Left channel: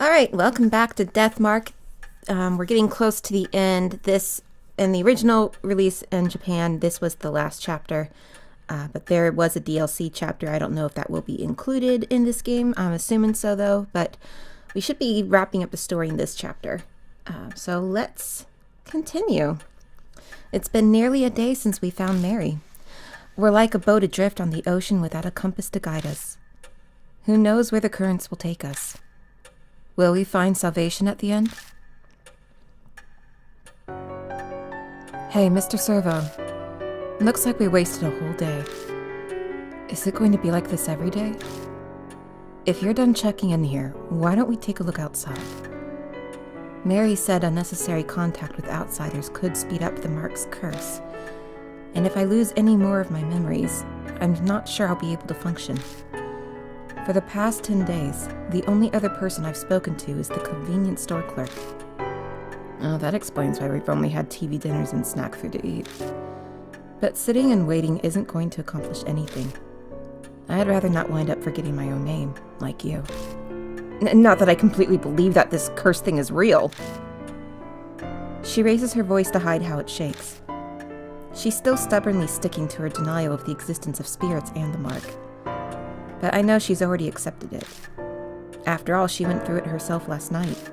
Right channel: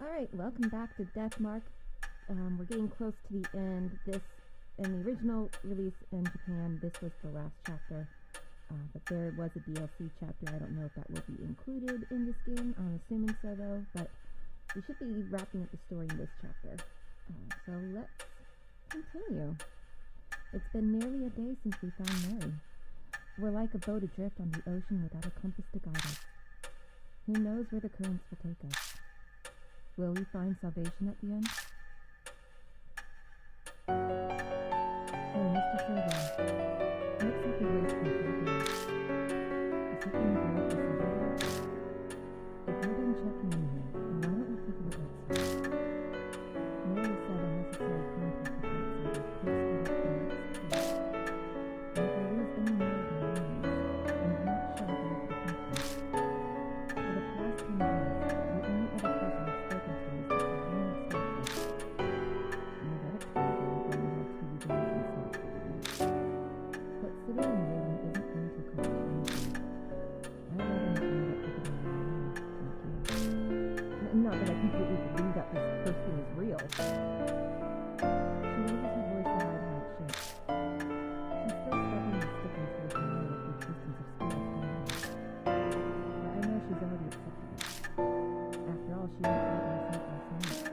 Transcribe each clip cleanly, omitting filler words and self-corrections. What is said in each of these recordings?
All right, welcome back to Deathmark. We're getting close to the end. This, in the original release in Japan, this was the last chapter. But there was a DLC chapter. I don't know if that will be included in this game. I'm assuming so, though. But we should be wrapping up the story in this chapter. So let's continue. It's been nearly a day since we found Mary. We're like a boat adrift on the ocean without a compass to guide us. Who knows where the currents will take us? Will we find salvation at the end? Hey, Mr. Servo. Looks like we wasted a whole day. Is it going to be like this every day? If you're done checking in here, why don't we take a look outside? Mary said unnecessary contact with outsiders could speed up the Mark's curse. And if I lose any more of my memories, I'm not sure I'll be able to function. For the past 10 days, the only other person I've spoken to is the convenience store clerk. Oh, that explains why we've only had TV dinners and snack food to eat. But sitting and waiting isn't going to accomplish anything. I'd rather not wind up forgetting my own name, like you. Not that I completely believe that this cursed thing is real. She raises her voice to hide how it shakes. She's still stubbornly sticking to her denial of the existence of spirits and the Mark. But I know she's already accepted it. After all, she went through it herself last night.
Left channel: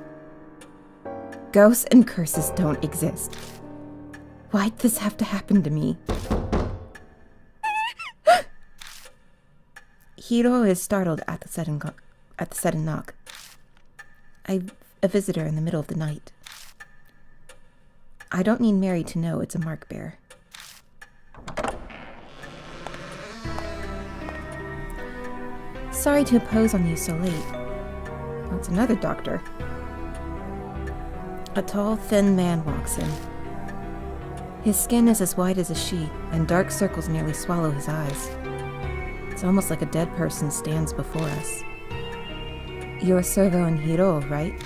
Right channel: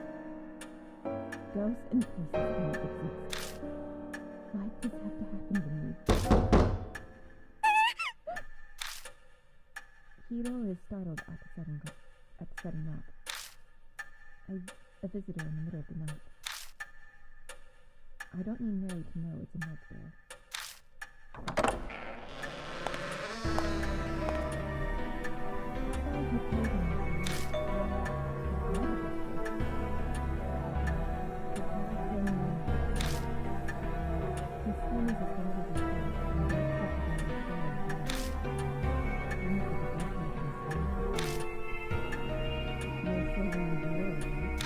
Ghosts and curses don't exist. Why'd this have to happen to me? Hiroo is startled at the sudden knock. A visitor in the middle of the night. I don't need Mary to know it's a mark bearer. Sorry to impose on you so late. That's another doctor. A tall, thin man walks in. His skin is as white as a sheet, and dark circles nearly swallow his eyes. It's almost like a dead person stands before us. You're Servo and Hiroo, right?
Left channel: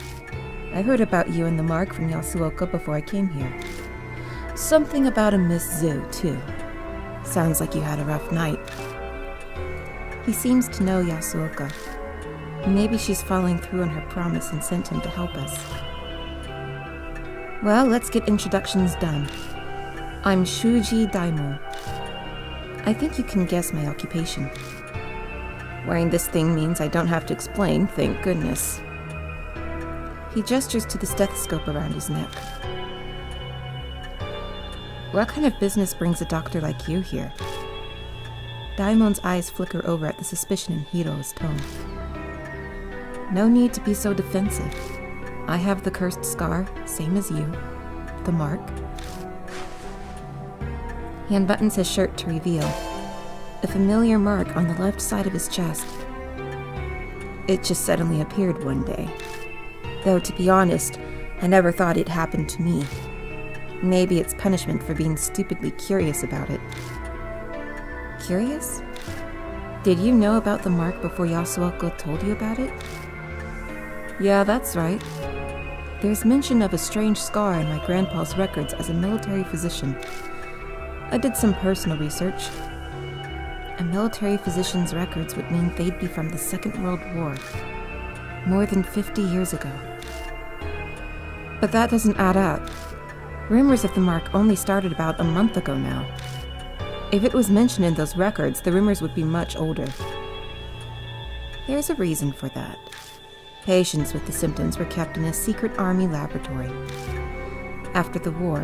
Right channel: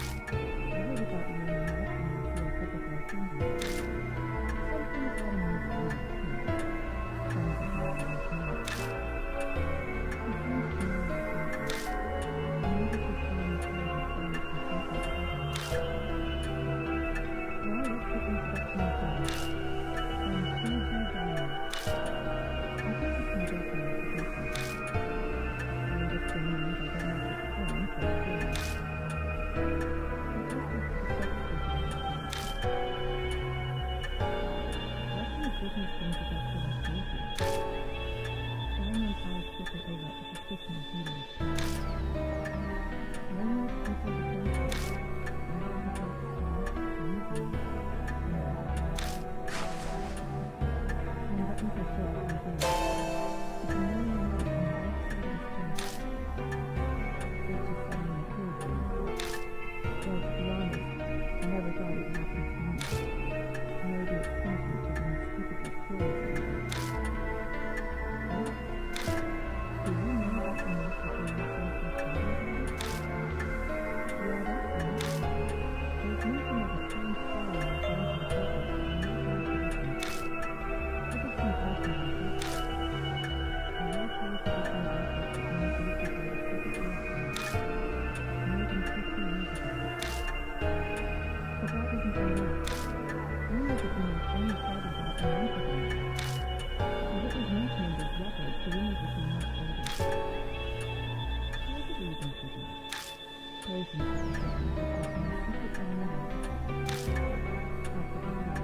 I heard about you and the Mark from Yasuoka before I came here. Something about a Miss Zoo, too. Sounds like you had a rough night. He seems to know Yasuoka. Maybe she's following through on her promise and sent him to help us. Well, let's get introductions done. I'm Shuuji Daimon. I think you can guess my occupation. Wearing this thing means I don't have to explain, thank goodness. He gestures to the stethoscope around his neck. What kind of business brings a doctor like you here? Daimon's eyes flicker over at the suspicion in Hiroo's tone. No need to be so defensive. I have the cursed scar, same as you. The Mark. He unbuttons his shirt to reveal a familiar mark on the left side of his chest. It just suddenly appeared one day. Though, to be honest, I never thought it happened to me. Maybe it's punishment for being stupidly curious about it. Curious? Did you know about the Mark before Yasuoka told you about it? Yeah, that's right. There's mention of a strange scar in my grandpa's records as a military physician. I did some personal research. A military physician's records would mean they'd be from the Second World War, more than 50 years ago. But that doesn't add up. Rumors of the Mark only started about a month ago now. If it was mentioned in those records, the rumors would be much older. There's a reason for that. Patients with the symptoms were kept in a secret army laboratory. After the war,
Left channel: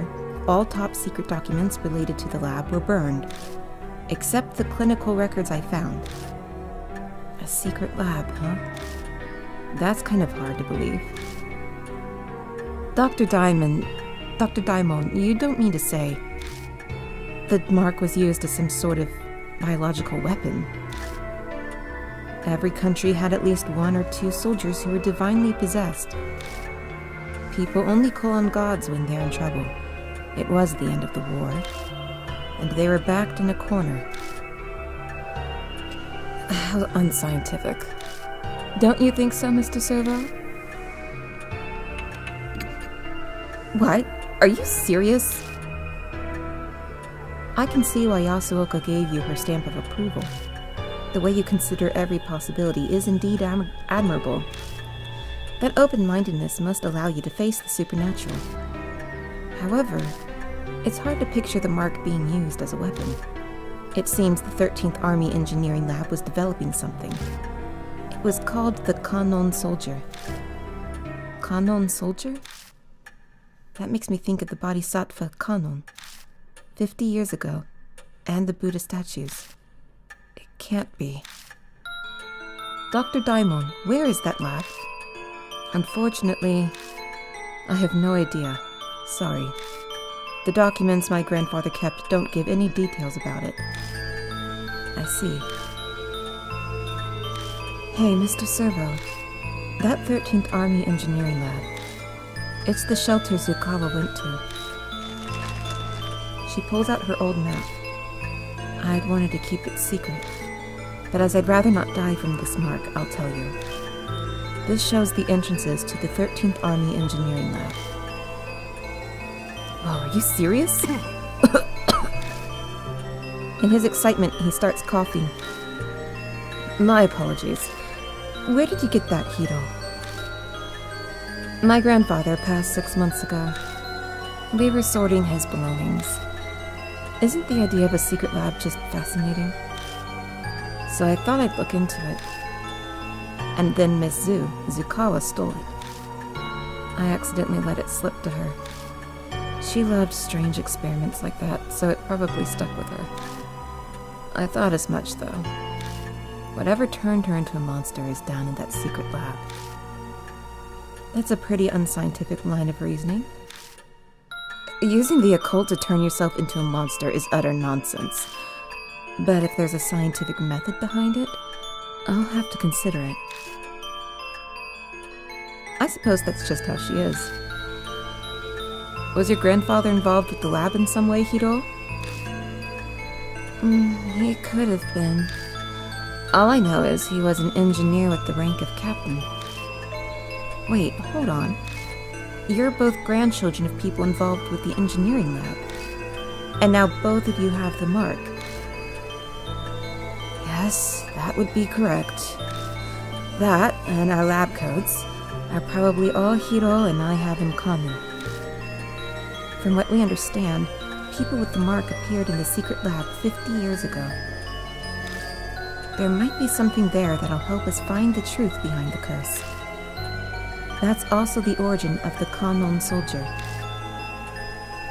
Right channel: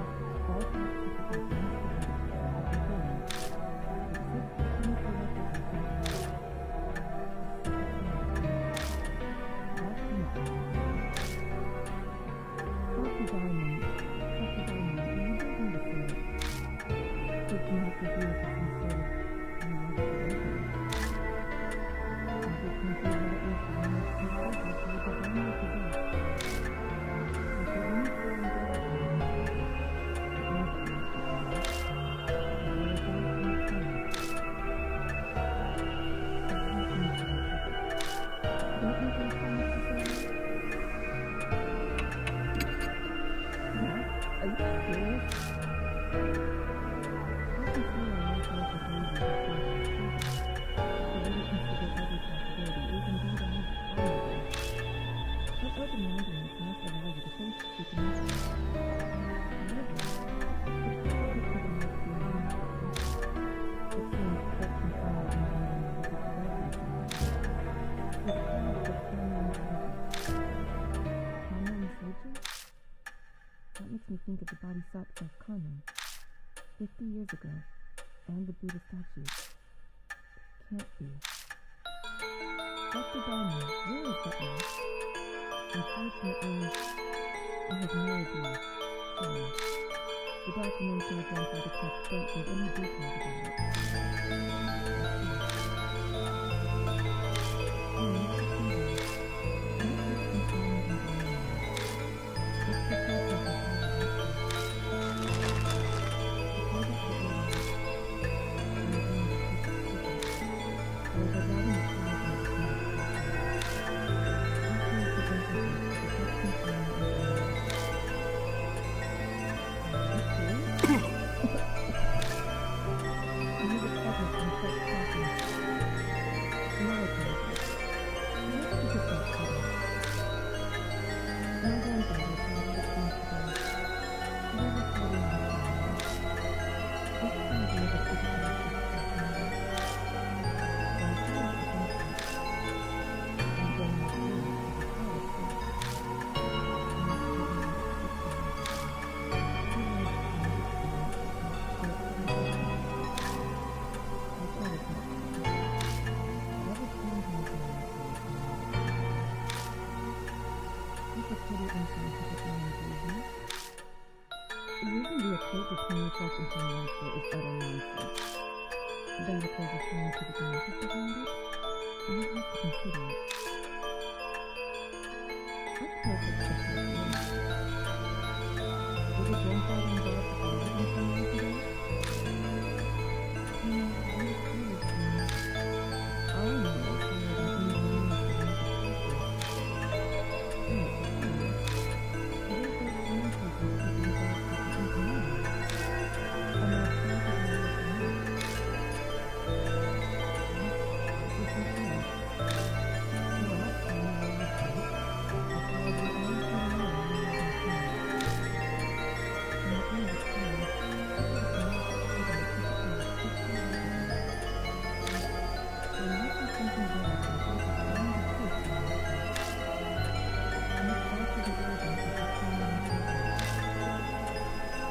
all top-secret documents related to the lab were burned, except the clinical records I found. A secret lab, huh? That's kind of hard to believe. Dr. Daimon, you don't mean to say the Mark was used as some sort of biological weapon. Every country had at least one or two soldiers who were divinely possessed. People only call on gods when they're in trouble. It was the end of the war, and they were backed in a corner. How unscientific. Don't you think so, Mr. Servo? What? Are you serious? I can see why Yasuoka gave you her stamp of approval. The way you consider every possibility is indeed admirable. That open-mindedness must allow you to face the supernatural. However, it's hard to picture the mark being used as a weapon. It seems the 13th Army Engineering Lab was developing something. It was called the Kanon Soldier. Kanon Soldier? That makes me think of the Bodhisattva Kanon, 50 years ago, and the Buddha statues. It can't be. Dr. Daimon, where is that lab? Unfortunately, I have no idea. Sorry. The documents my grandfather kept don't give any details about it. I see. Hey, Mr. Servo. That 13th Army Engineering Lab. It's the shelter Zukawa went to. She pulls out her old map. I'd wanted to keep it secret, but as I'd rather not die from this mark, I'll tell you. This shows the entrances to the 13th Army Engineering Lab. Whoa, are you serious? In his excitement, he starts coughing. My apologies. Where did you get that, Hiroo? My grandfather passed 6 months ago. We were sorting his belongings. Isn't the idea of a secret lab just fascinating? So I thought I'd look into it. And then Miss Zukawa stole it. I accidentally let it slip to her. She loved strange experiments like that, so it probably stuck with her. I thought as much, though. Whatever turned her into a monster is down in that secret lab. That's a pretty unscientific line of reasoning. Using the occult to turn yourself into a monster is utter nonsense. But if there's a scientific method behind it, I'll have to consider it. I suppose that's just how she is. Was your grandfather involved with the lab in some way, Hiroo? He could have been. All I know is he was an engineer with the rank of captain. Wait, hold on. You're both grandchildren of people involved with the engineering lab. And now both of you have the mark. Yes, that would be correct. That, and our lab coats, are probably all Hiroo and I have in common. From what we understand, people with the mark appeared in the secret lab 50 years ago. There might be something there that'll help us find the truth behind the curse. That's also the origin of the Kanon Soldier.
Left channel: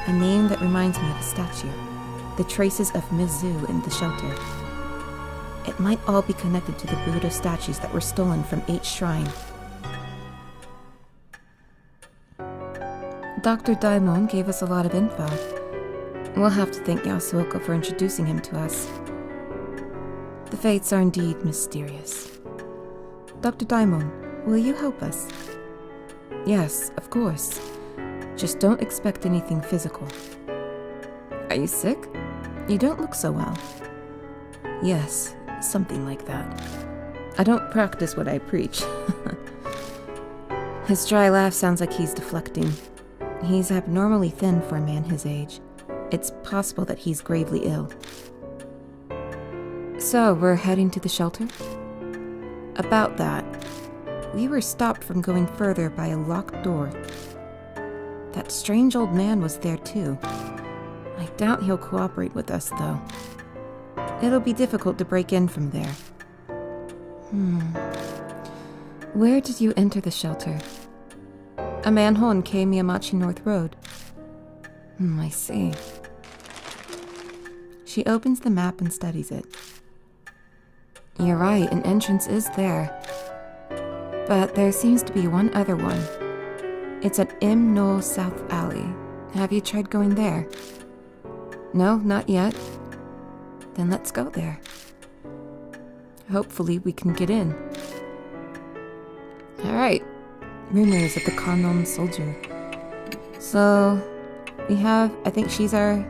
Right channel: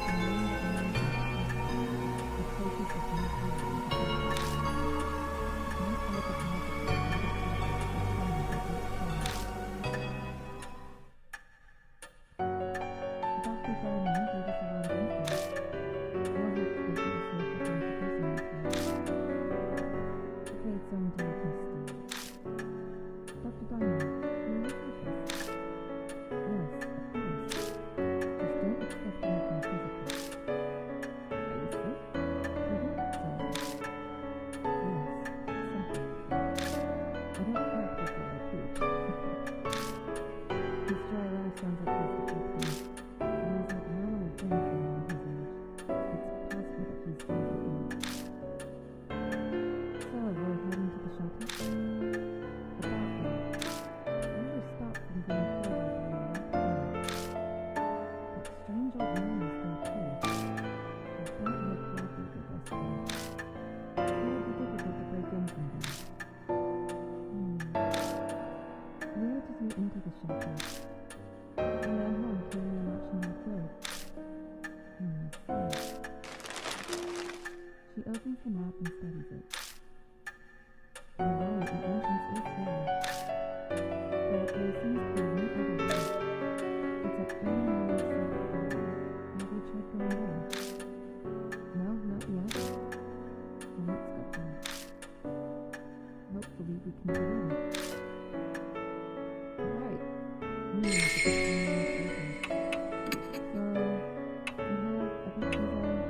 A name that reminds me of a statue. The traces of Mizu in the shelter. It might all be connected to the Buddha statues that were stolen from H Shrine. Dr. Daimon gave us a lot of info. We'll have to thank Yasuoka for introducing him to us. The fates are indeed mysterious. Dr. Daimon, will you help us? Yes, of course. Just don't expect anything physical. Are you sick? You don't look so well. Yes, something like that. I don't practice what I preach. His dry laugh sounds like he's deflecting. He's abnormally thin for a man his age. It's possible that he's gravely ill. So, we're heading to the shelter? About that. We were stopped from going further by a locked door. That strange old man was there too. I doubt he'll cooperate with us, though. It'll be difficult to break in from there. Where did you enter the shelter? A manhole in Kei Miyamachi North Road. I see. She opens the map and studies it. You're right, an entrance is there. But there seems to be one other one. It's at Im No South Alley. Have you tried going there? No, not yet. Then let's go there. Hopefully we can get in. Alright. Rumors of the Kanon Soldier. So, we have, I think she's our...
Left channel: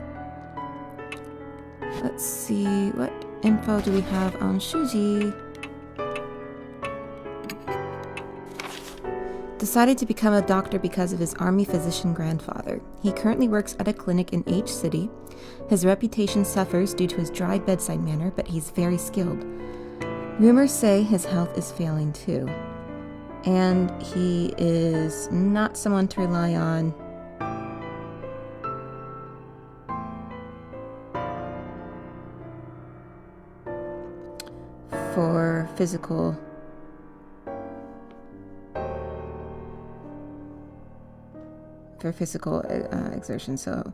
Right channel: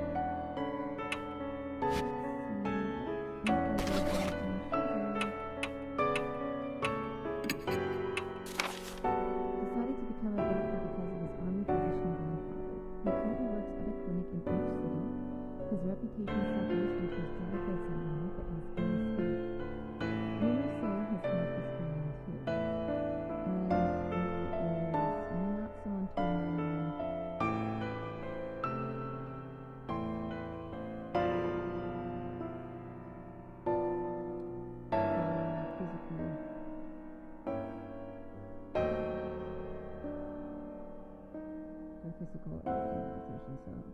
Let's see, what info do we have on Shuuji? Decided to become a doctor because of his army physician grandfather. He currently works at a clinic in H City. His reputation suffers due to his dry bedside manner, but he's very skilled. Rumors say his health is failing too. And he is not someone to rely on. For physical exertion. So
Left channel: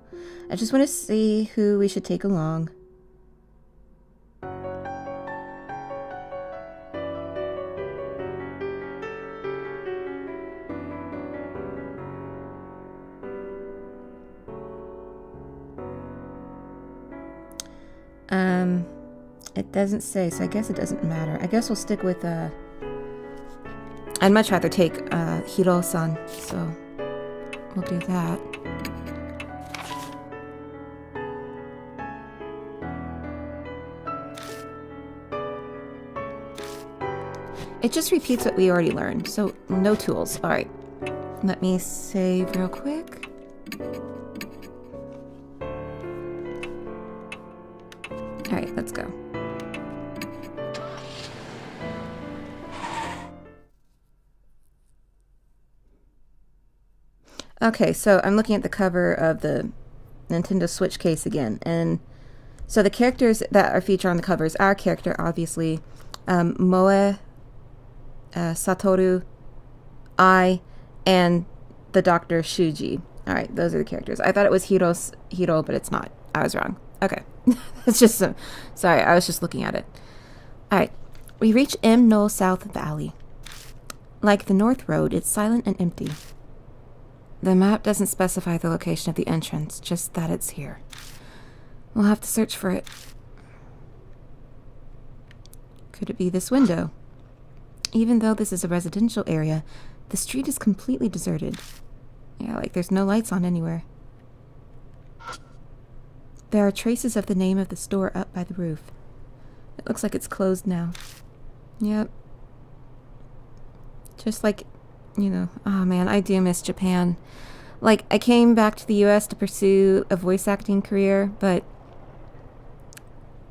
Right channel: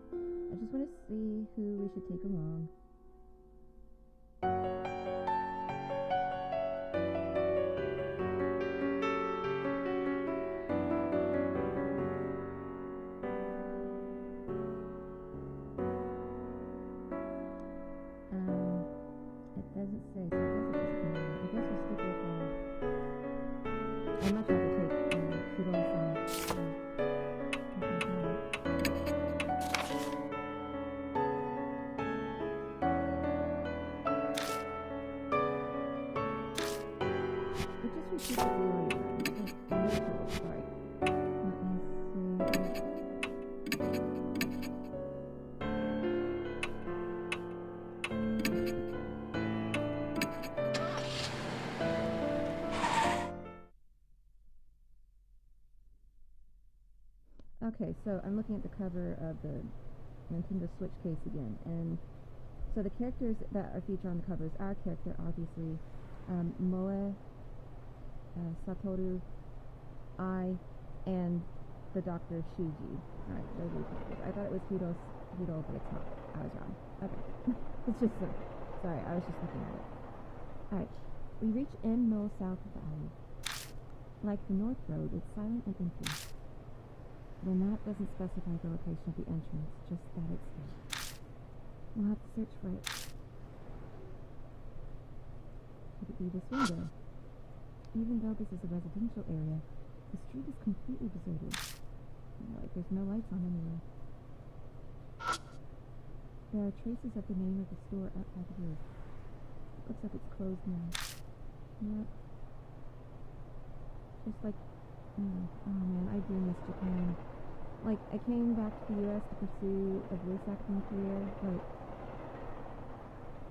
I just want to see who we should take along. It doesn't say, so I guess it doesn't matter. I guess we'll stick with I'd much rather take Hiroo-san, so we'll do that. It just repeats what we already learned, so no tools. All right, let me save real quick. All right, let's go. Okay, so I'm looking at the cover of the Nintendo Switch case again, and so the characters that are featured on the cover is our character, obviously, Moe, Satoru, I, and the Doctor Shuuji. All right, those are the characters. I thought it was Hiroo, but it's not. I was wrong. Okay, it's just sorry. I was just looking at it. All right, we reach M No South Valley. Like the North Road, it's silent and empty. The map doesn't specify the location of the entrance, just that it's here. We'll have to search for it. Could it be this window? Even though this is a residential area, the street is completely deserted. Yeah, like there's no lights on anywhere. There are traces of the name of the store up by the roof. It looks like it's closed now. Yep. Just like, you know, oh man, I do miss Japan. Like, I came back to the US to pursue a voice acting career, but,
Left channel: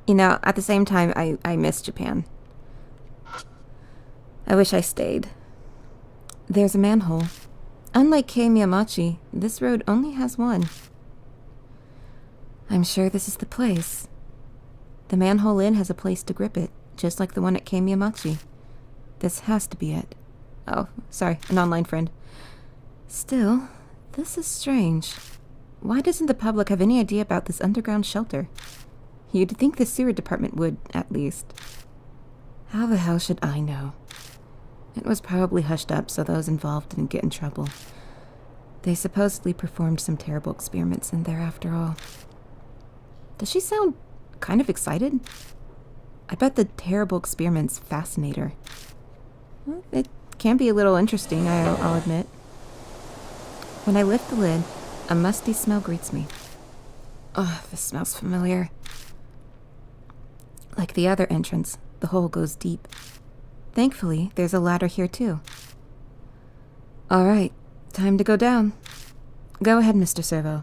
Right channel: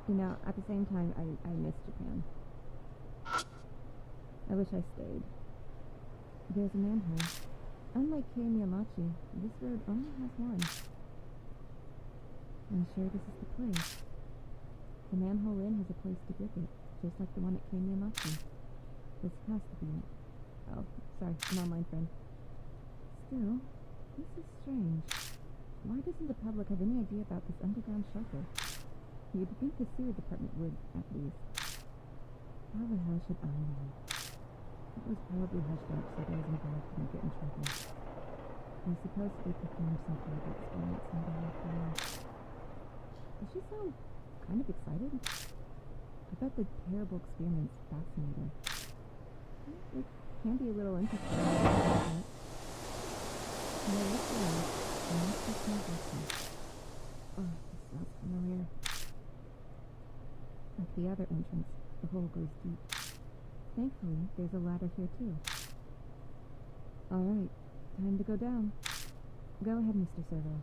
you know, at the same time, I miss Japan. I wish I stayed. There's a manhole. Unlike Kei Miyamachi, this road only has one. I'm sure this is the place. The manhole lid has a place to grip it, just like the one at Kei Miyamachi. This has to be it. Oh, sorry, an online friend. Still, this is strange. Why doesn't the public have any idea about this underground shelter? You'd think the sewer department would, at least. How the hell should I know? It was probably hushed up so those involved didn't get in trouble. They supposedly performed some terrible experiments in there after all. Does she sound kind of excited? I bet the terrible experiments fascinate her. Well, it can be a little interesting, I'll admit. When I lift the lid, a musty smell greets me. Oh, this smells familiar. Like the other entrance, the hole goes deep. Thankfully, there's a ladder here too. All right, time to go down. Go ahead, Mr. Servo.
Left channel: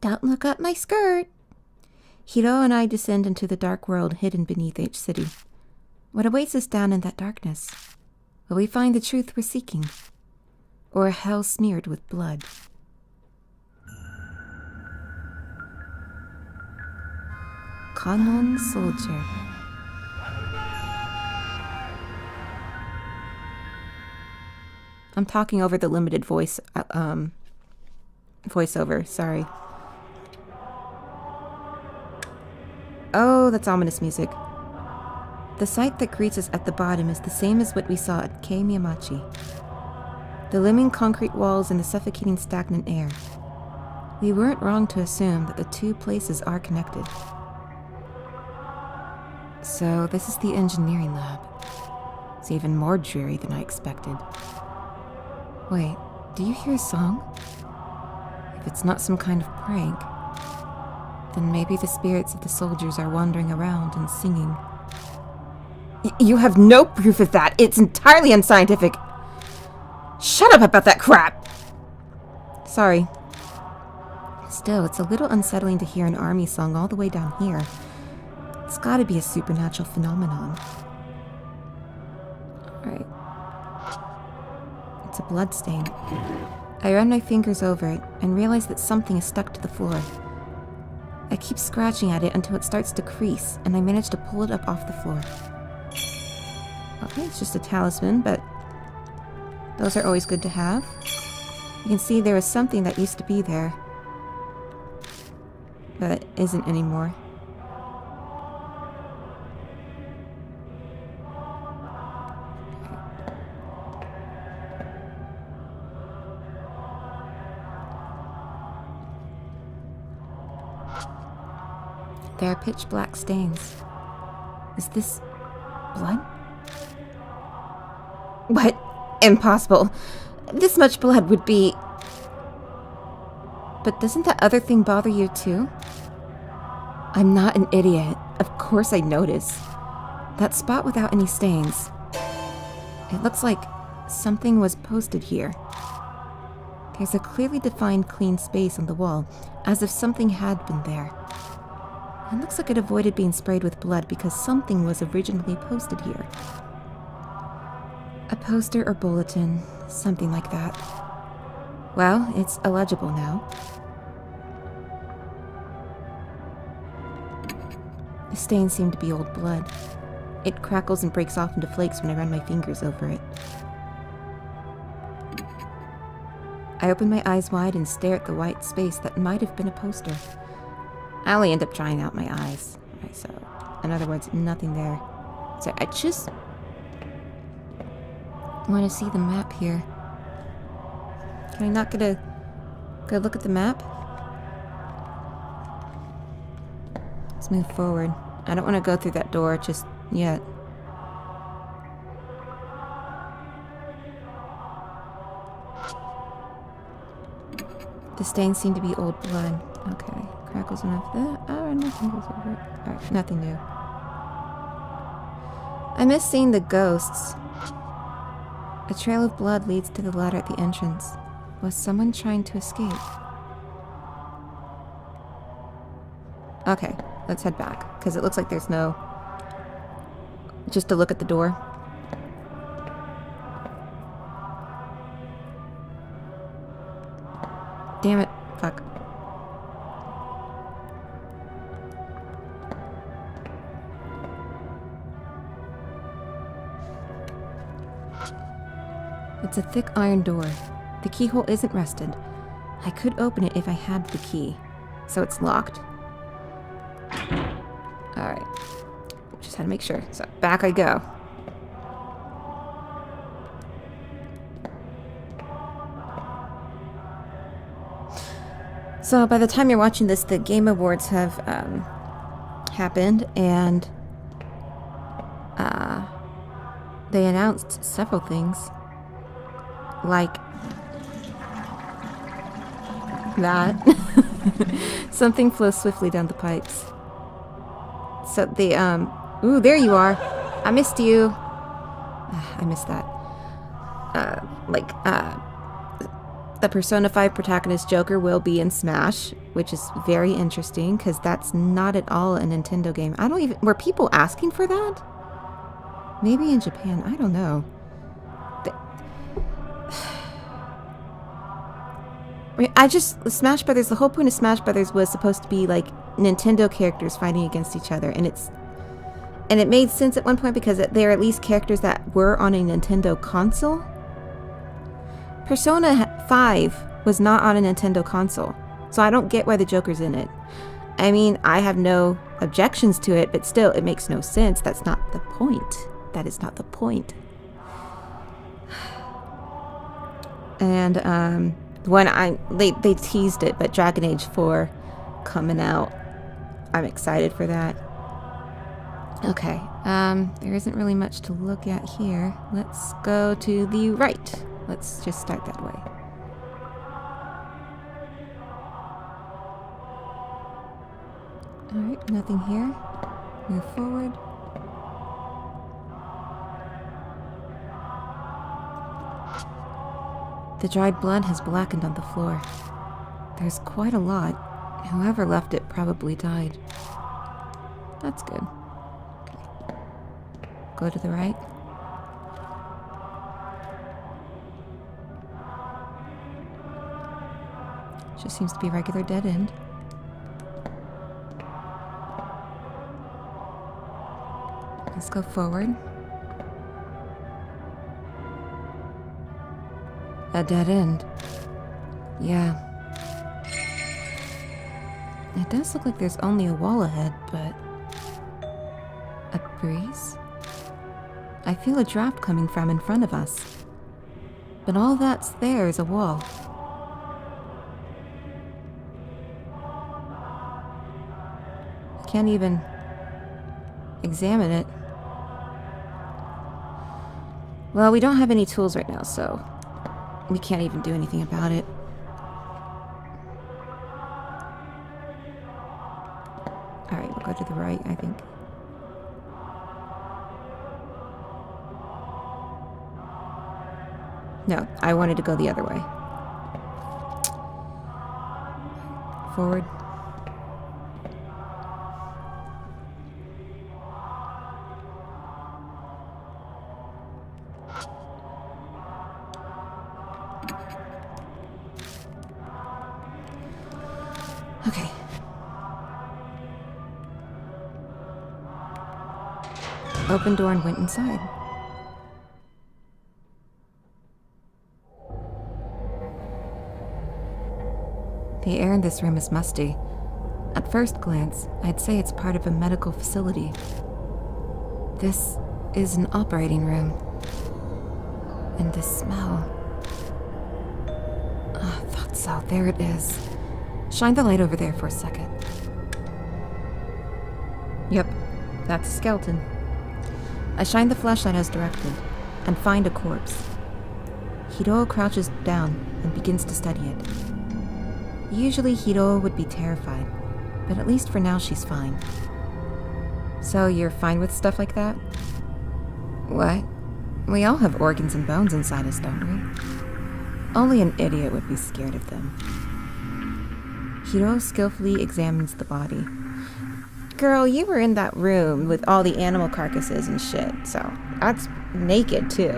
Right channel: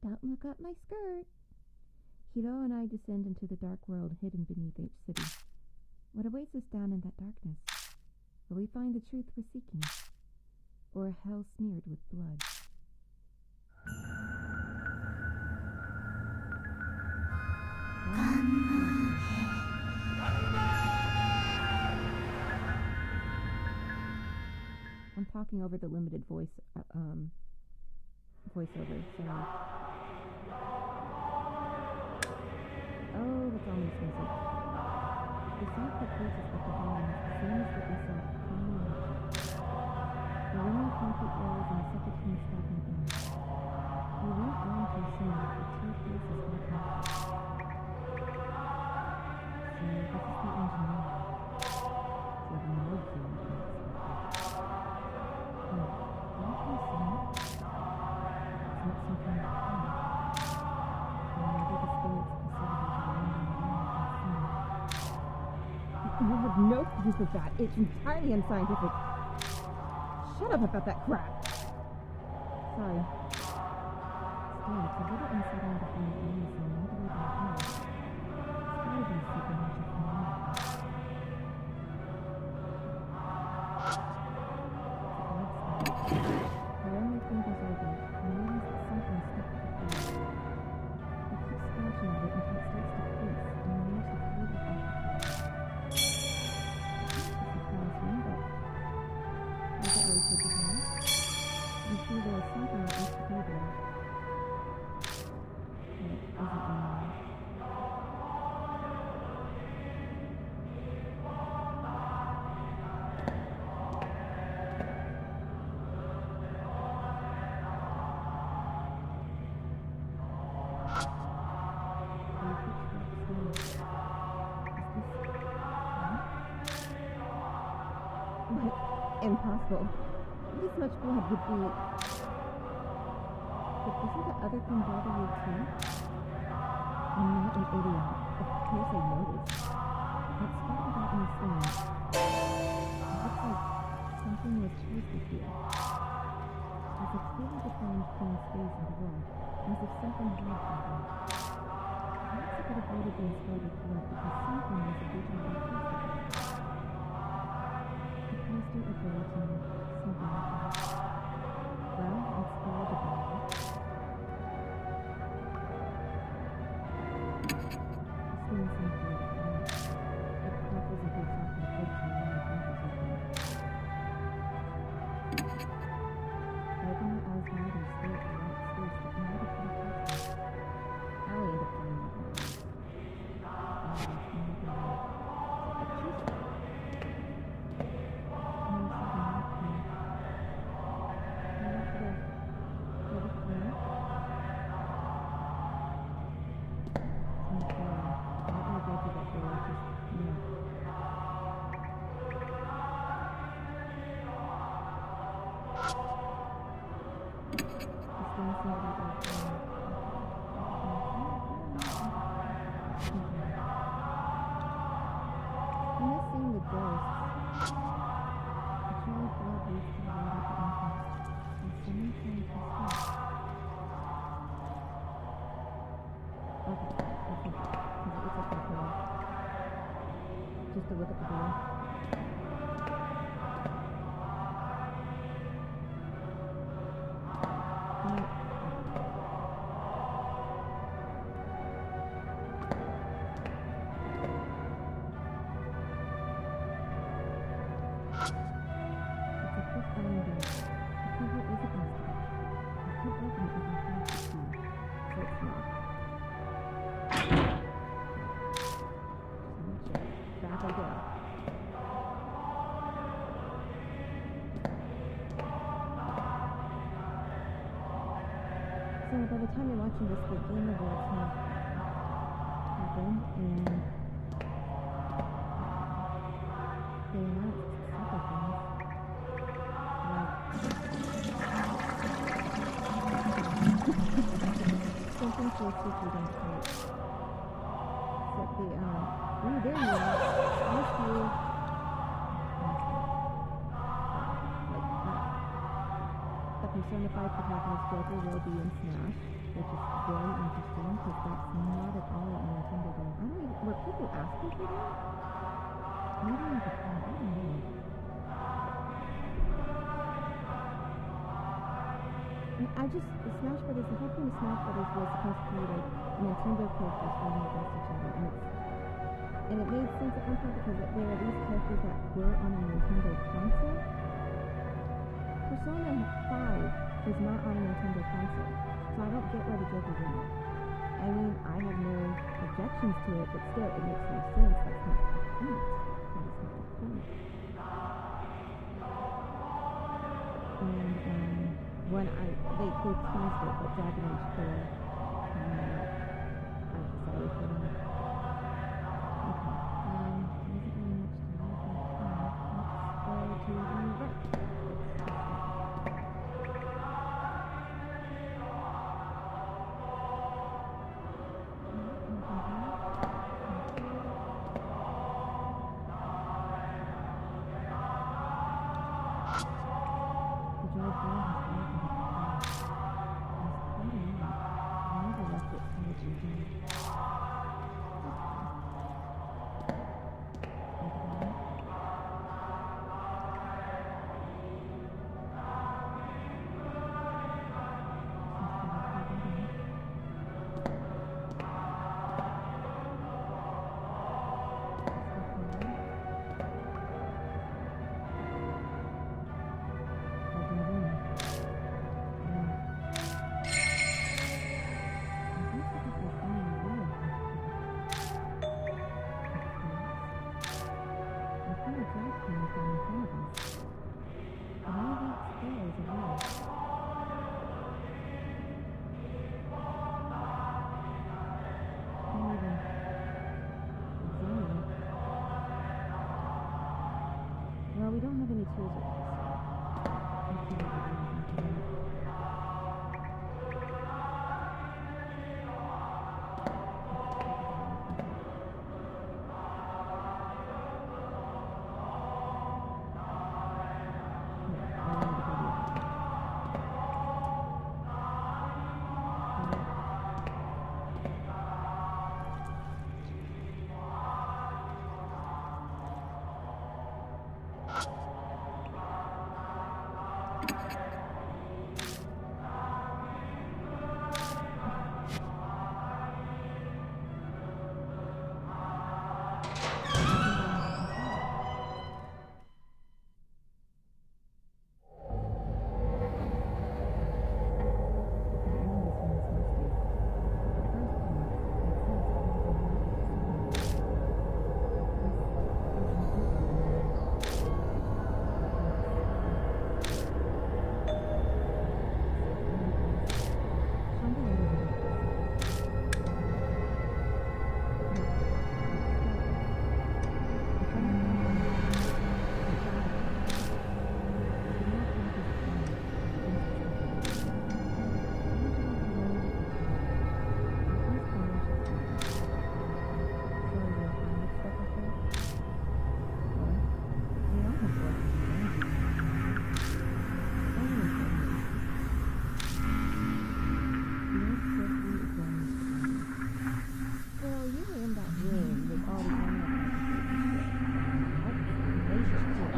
Don't look up my skirt. Hiroo and I descend into the dark world hidden beneath each city. What awaits us down in that darkness? Will we find the truth we're seeking? Or a hell smeared with blood? Common soldier. I'm talking over the limited voiceover, sorry. Oh, that's ominous music. The sight that greets us at the bottom is the same as what we saw at Kei Miyamachi. The looming concrete walls and the suffocating stagnant air. We weren't wrong to assume that the two places are connected. So this is the engineering lab. It's even more dreary than I expected. Wait, do you hear a song? If it's not some kind of prank, then maybe the spirits of the soldiers are wandering around and singing. You have no proof of that. It's entirely unscientific. Shut up about that crap! Sorry. Still, it's a little unsettling to hear an army song all the way down here. It's gotta be a supernatural phenomenon. Alright. It's a blood stain. I run my fingers over it and realize that something is stuck to the floor. I keep scratching at it until it starts to crease, and I manage to pull it up off the floor. Okay, it's just a talisman, but those are always good to have. You can see there was something that used to be there, but isn't anymore. There are pitch black stains. Is this blood? What? Impossible. This much blood would be... But doesn't that other thing bother you too? I'm not an idiot. Of course I notice. That spot without any stains. It looks like something was posted here. There's a clearly defined clean space on the wall, as if something had been there. It looks like it avoided being sprayed with blood because something was originally posted here. A poster or bulletin, something like that. Well, it's illegible now. The stains seem to be old blood. It crackles and breaks off into flakes when I run my fingers over it. I open my eyes wide and stare at the white space that might have been a poster. I only end up drying out my eyes. So, in other words, nothing there. So I just want to see the map here. Can I not get a good look at the map? Let's move forward. I don't want to go through that door just yet. The stains seem to be old blood. Okay. Crackles enough there. Oh, nothing goes over it. Alright, nothing new. I miss seeing the ghosts. A trail of blood leads to the ladder at the entrance. Was someone trying to escape? Okay, let's head back, because it looks like there's no... Just to look at the door. Damn it. Fuck. It's a thick iron door. The keyhole isn't rusted. I could open it if I had the key. So it's locked. Alright. Just had to make sure. So back I go. So by the time you're watching this, the Game Awards have happened, and they announced several things. Like that. Something flows swiftly down the pipes. So the, ooh, there you are. I missed you. I missed that. The Persona 5 protagonist Joker will be in Smash, which is very interesting, because that's not at all a Nintendo game. I don't even... Were people asking for that? Maybe in Japan. I don't know. I mean, Smash Brothers, the whole point of Smash Brothers was supposed to be, like, Nintendo characters fighting against each other, and it made sense at one point because they're at least characters that were on a Nintendo console. Persona 5 was not on a Nintendo console, so I don't get why the Joker's in it. I mean, I have no objections to it, but still, it makes no sense. That's not the point. That is not the point. And, when they teased it, but Dragon Age 4 coming out. I'm excited for that. Okay, there isn't really much to look at here. Let's go to the right. Let's just start that way. Alright, nothing here. Move forward. The dried blood has blackened on the floor. There's quite a lot. Whoever left it probably died. That's good. Go to the right. Just seems to be a regular dead end. Let's go forward. A dead end. Yeah. It does look like there's only a wall ahead, but... a breeze? I feel a draft coming from in front of us. But all that's there is a wall. I can't even examine it. Well, we don't have any tools right now, so we can't even do anything about it. Alright, we'll go to the right, I think. No, I wanted to go the other way. Forward. Okay. Opened door and went inside. The air in this room is musty. At first glance, I'd say it's part of a medical facility. This is an operating room. And the smell. Oh, I thought so. There it is. Shine the light over there for a second. Yep, that's a skeleton. I shine the flashlight as directed, and find a corpse. Hiroo crouches down and begins to study it. Usually Hiroo would be terrified, but at least for now she's fine. So you're fine with stuff like that? What? We all have organs and bones inside us, don't we? Only an idiot would be scared of them. Hiroo skillfully examines the body. Girl, you were in that room with all the animal carcasses and shit, so that's naked too.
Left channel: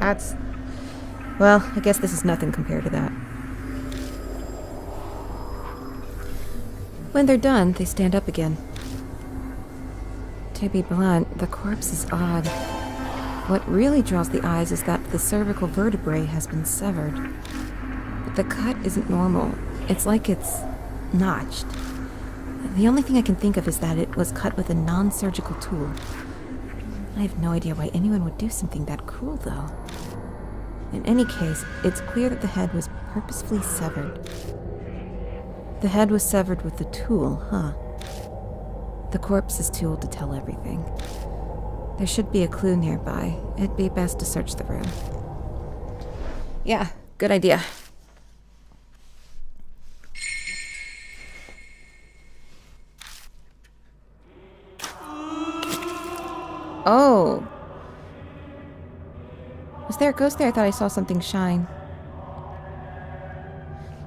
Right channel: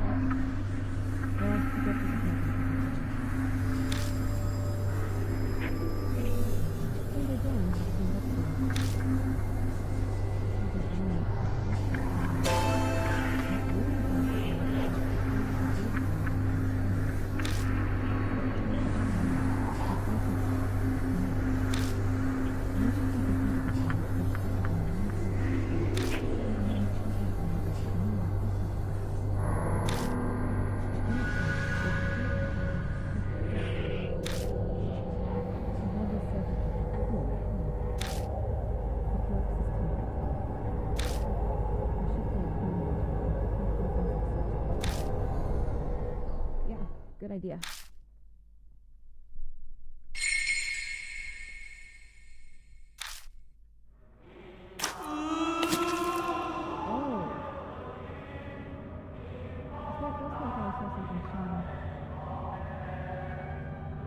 That's... well, I guess this is nothing compared to that. When they're done, they stand up again. To be blunt, the corpse is odd. What really draws the eyes is that the cervical vertebrae has been severed. The cut isn't normal. It's like it's notched. The only thing I can think of is that it was cut with a non-surgical tool. I have no idea why anyone would do something that cruel, though. In any case, it's clear that the head was purposefully severed. The head was severed with the tool, huh? The corpse is too old to tell everything. There should be a clue nearby. It'd be best to search the room. Yeah, good idea. Oh. Was there a ghost there? I thought I saw something shine.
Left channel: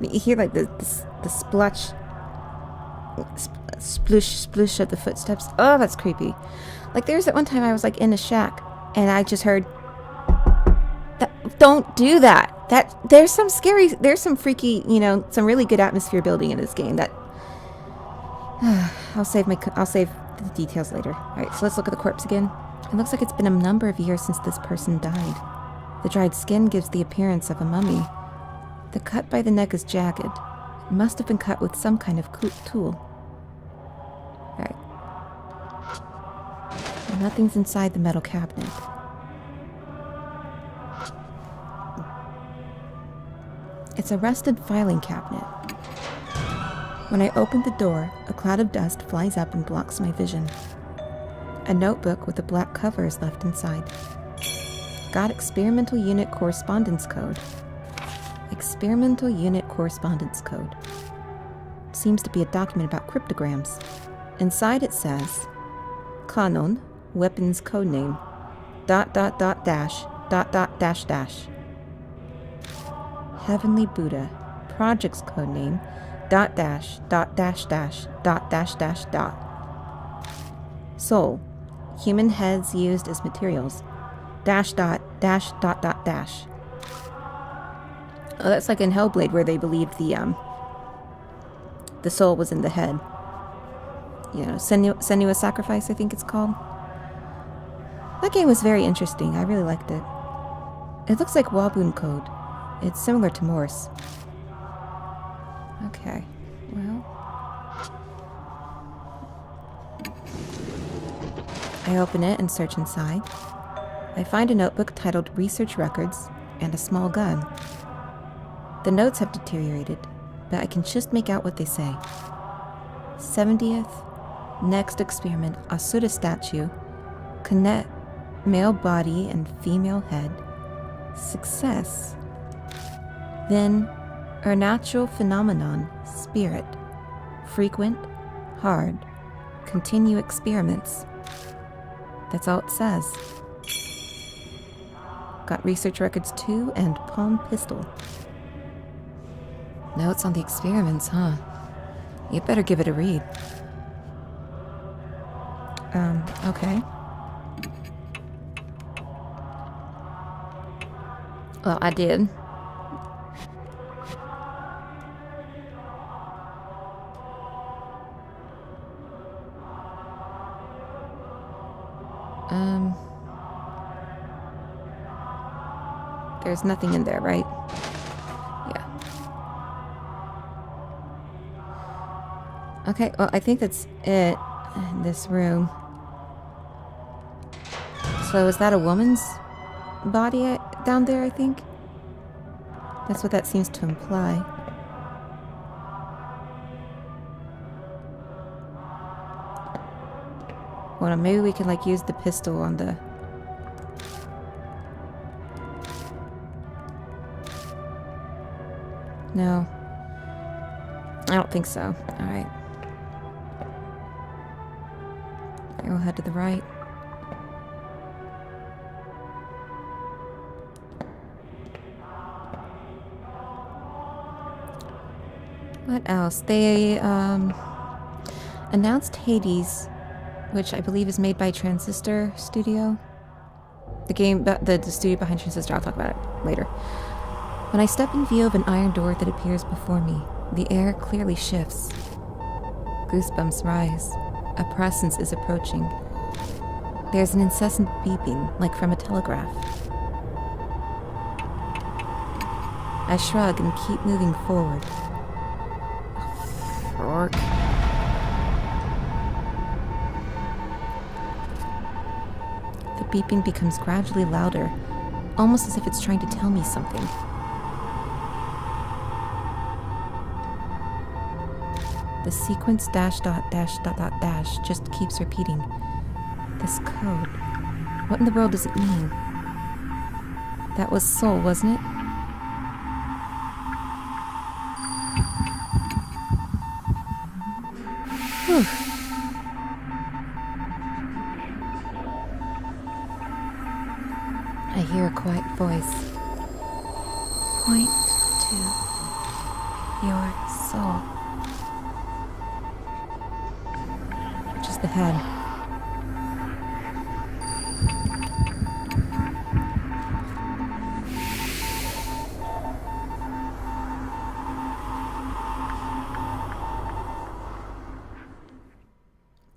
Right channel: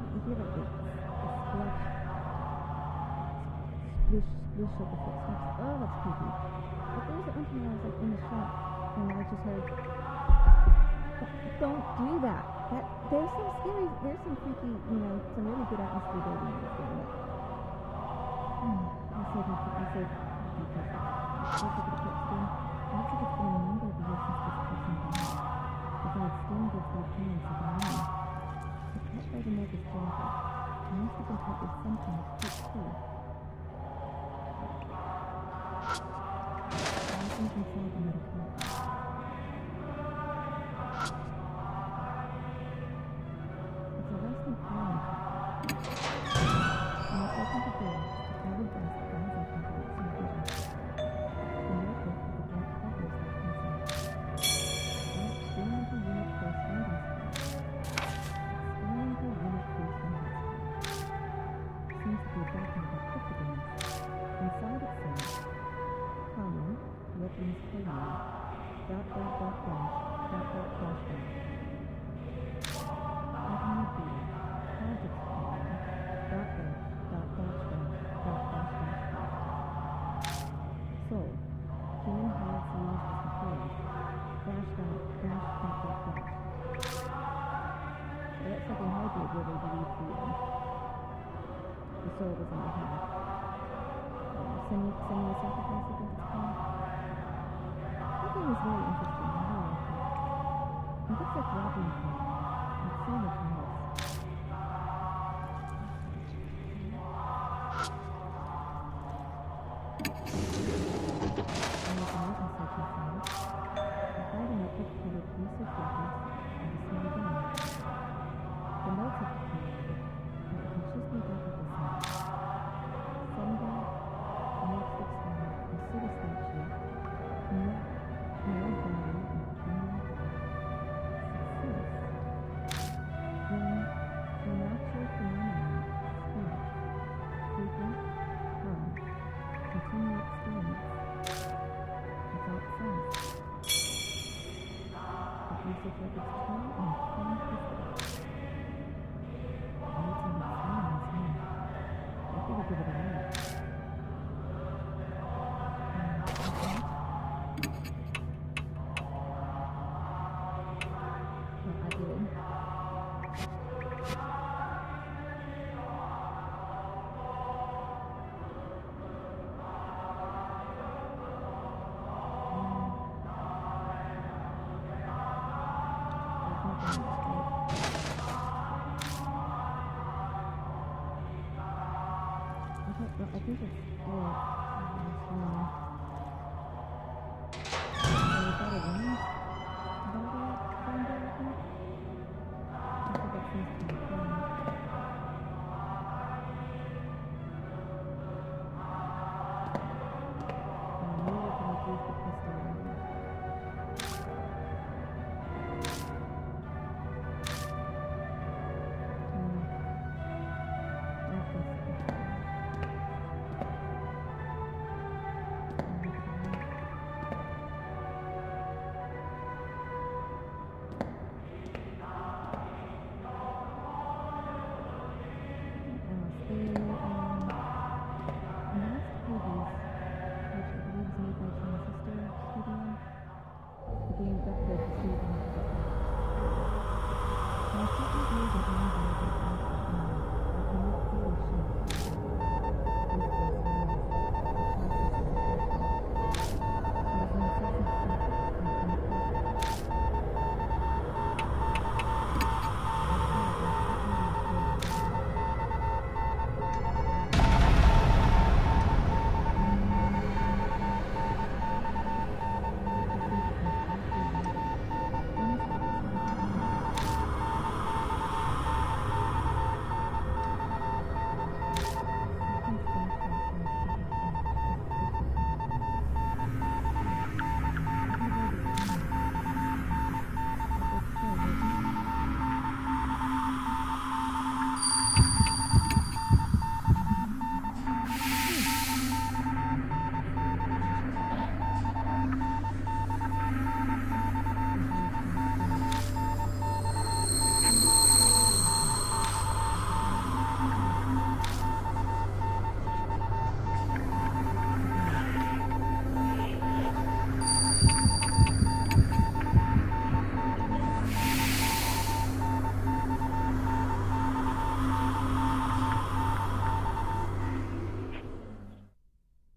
You hear like the sploosh of the footsteps. Oh, that's creepy. Like there's that one time I was like in a shack and I just heard that. Don't do that. There's some freaky, some really good atmosphere building in this game that I'll save the details later. All right, so let's look at the corpse again. It looks like it's been a number of years since this person died. The dried skin gives the appearance of a mummy. The cut by the neck is jagged. It must have been cut with some kind of tool. Alright. Nothing's inside the metal cabinet. It's a rusted filing cabinet. When I open the door, a cloud of dust flies up and blocks my vision. A notebook with a black cover is left inside. Got experimental unit correspondence code. Experimental unit correspondence code. Seems to be a document about cryptograms. Inside it says, Kanon, weapons codename, ... .. Heavenly Buddha, project's codename, ... Soul, Human heads used as materials. Dash dot, dash dot dot dash. Oh, that's like in Hellblade where they believed the soul was in the head. You know, Senua's Sacrifice, I think it's called. That game was very interesting. I really liked it. It looks like Wabun code. It's similar to Morse. Okay, well... I open it and search inside. I find a notebook titled Research Records and a small gun. The notes have deteriorated, but I can just make out what they say. 70th, next experiment, Asura statue, connect, male body and female head, success. Then, a natural phenomenon, spirit, frequent, hard, continue experiments. That's all it says. Got research records too, and palm pistol. Notes on the experiments, huh? You better give it a read. Okay. Well, I did. There's nothing in there, right? Yeah. Okay, well, I think that's it in this room. So is that a woman's body down there, I think? That's what that seems to imply. Well, maybe we could, like, use the pistol on the... No. I don't think so. Alright. We'll head to the right. What else? They, announced Hades, which I believe is made by Transistor Studio. The game, the studio behind Transistor, I'll talk about it later. When I step in view of an iron door that appears before me, the air clearly shifts. Goosebumps rise. A presence is approaching. There's an incessant beeping, like from a telegraph. I shrug and keep moving forward. The beeping becomes gradually louder, almost as if it's trying to tell me something. The sequence dash dot dash dot dot dash just keeps repeating. This code. What in the world does it mean? That was Soul, wasn't it? Whew. I hear a quiet voice. Point to your soul. Just the head.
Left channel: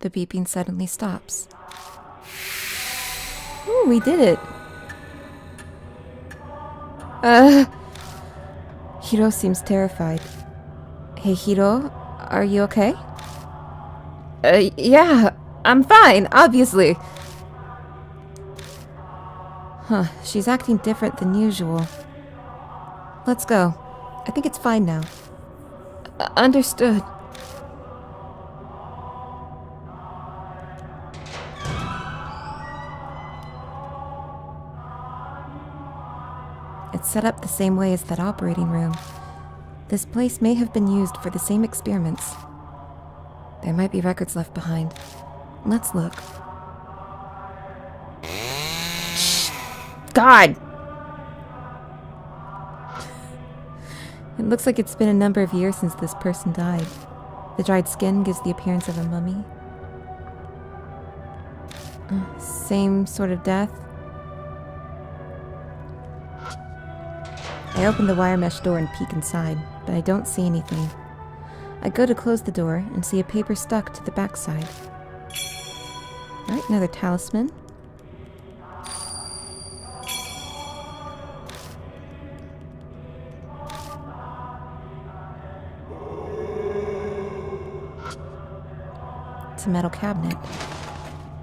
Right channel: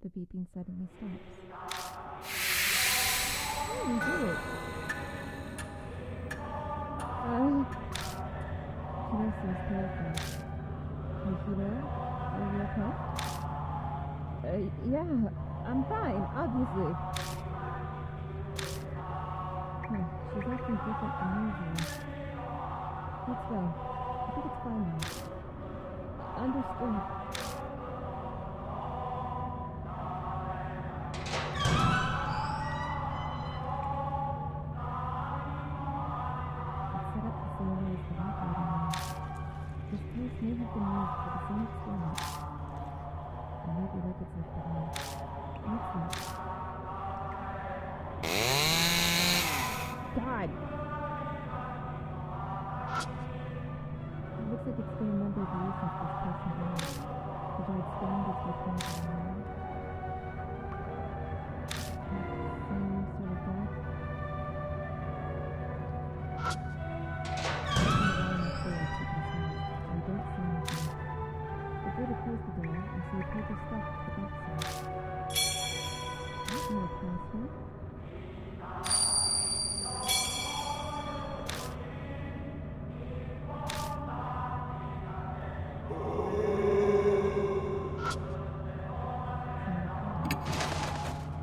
The beeping suddenly stops. Ooh, we did it! Hiroo seems terrified. Hey, Hiroo, are you okay? Yeah, I'm fine, obviously. Huh, she's acting different than usual. Let's go. I think it's fine now. Understood. It's set up the same way as that operating room. This place may have been used for the same experiments. There might be records left behind. Let's look. God! It looks like it's been a number of years since this person died. The dried skin gives the appearance of a mummy. Same sort of death? I open the wire mesh door and peek inside, but I don't see anything. I go to close the door and see a paper stuck to the backside. Right, another talisman. It's a metal cabinet.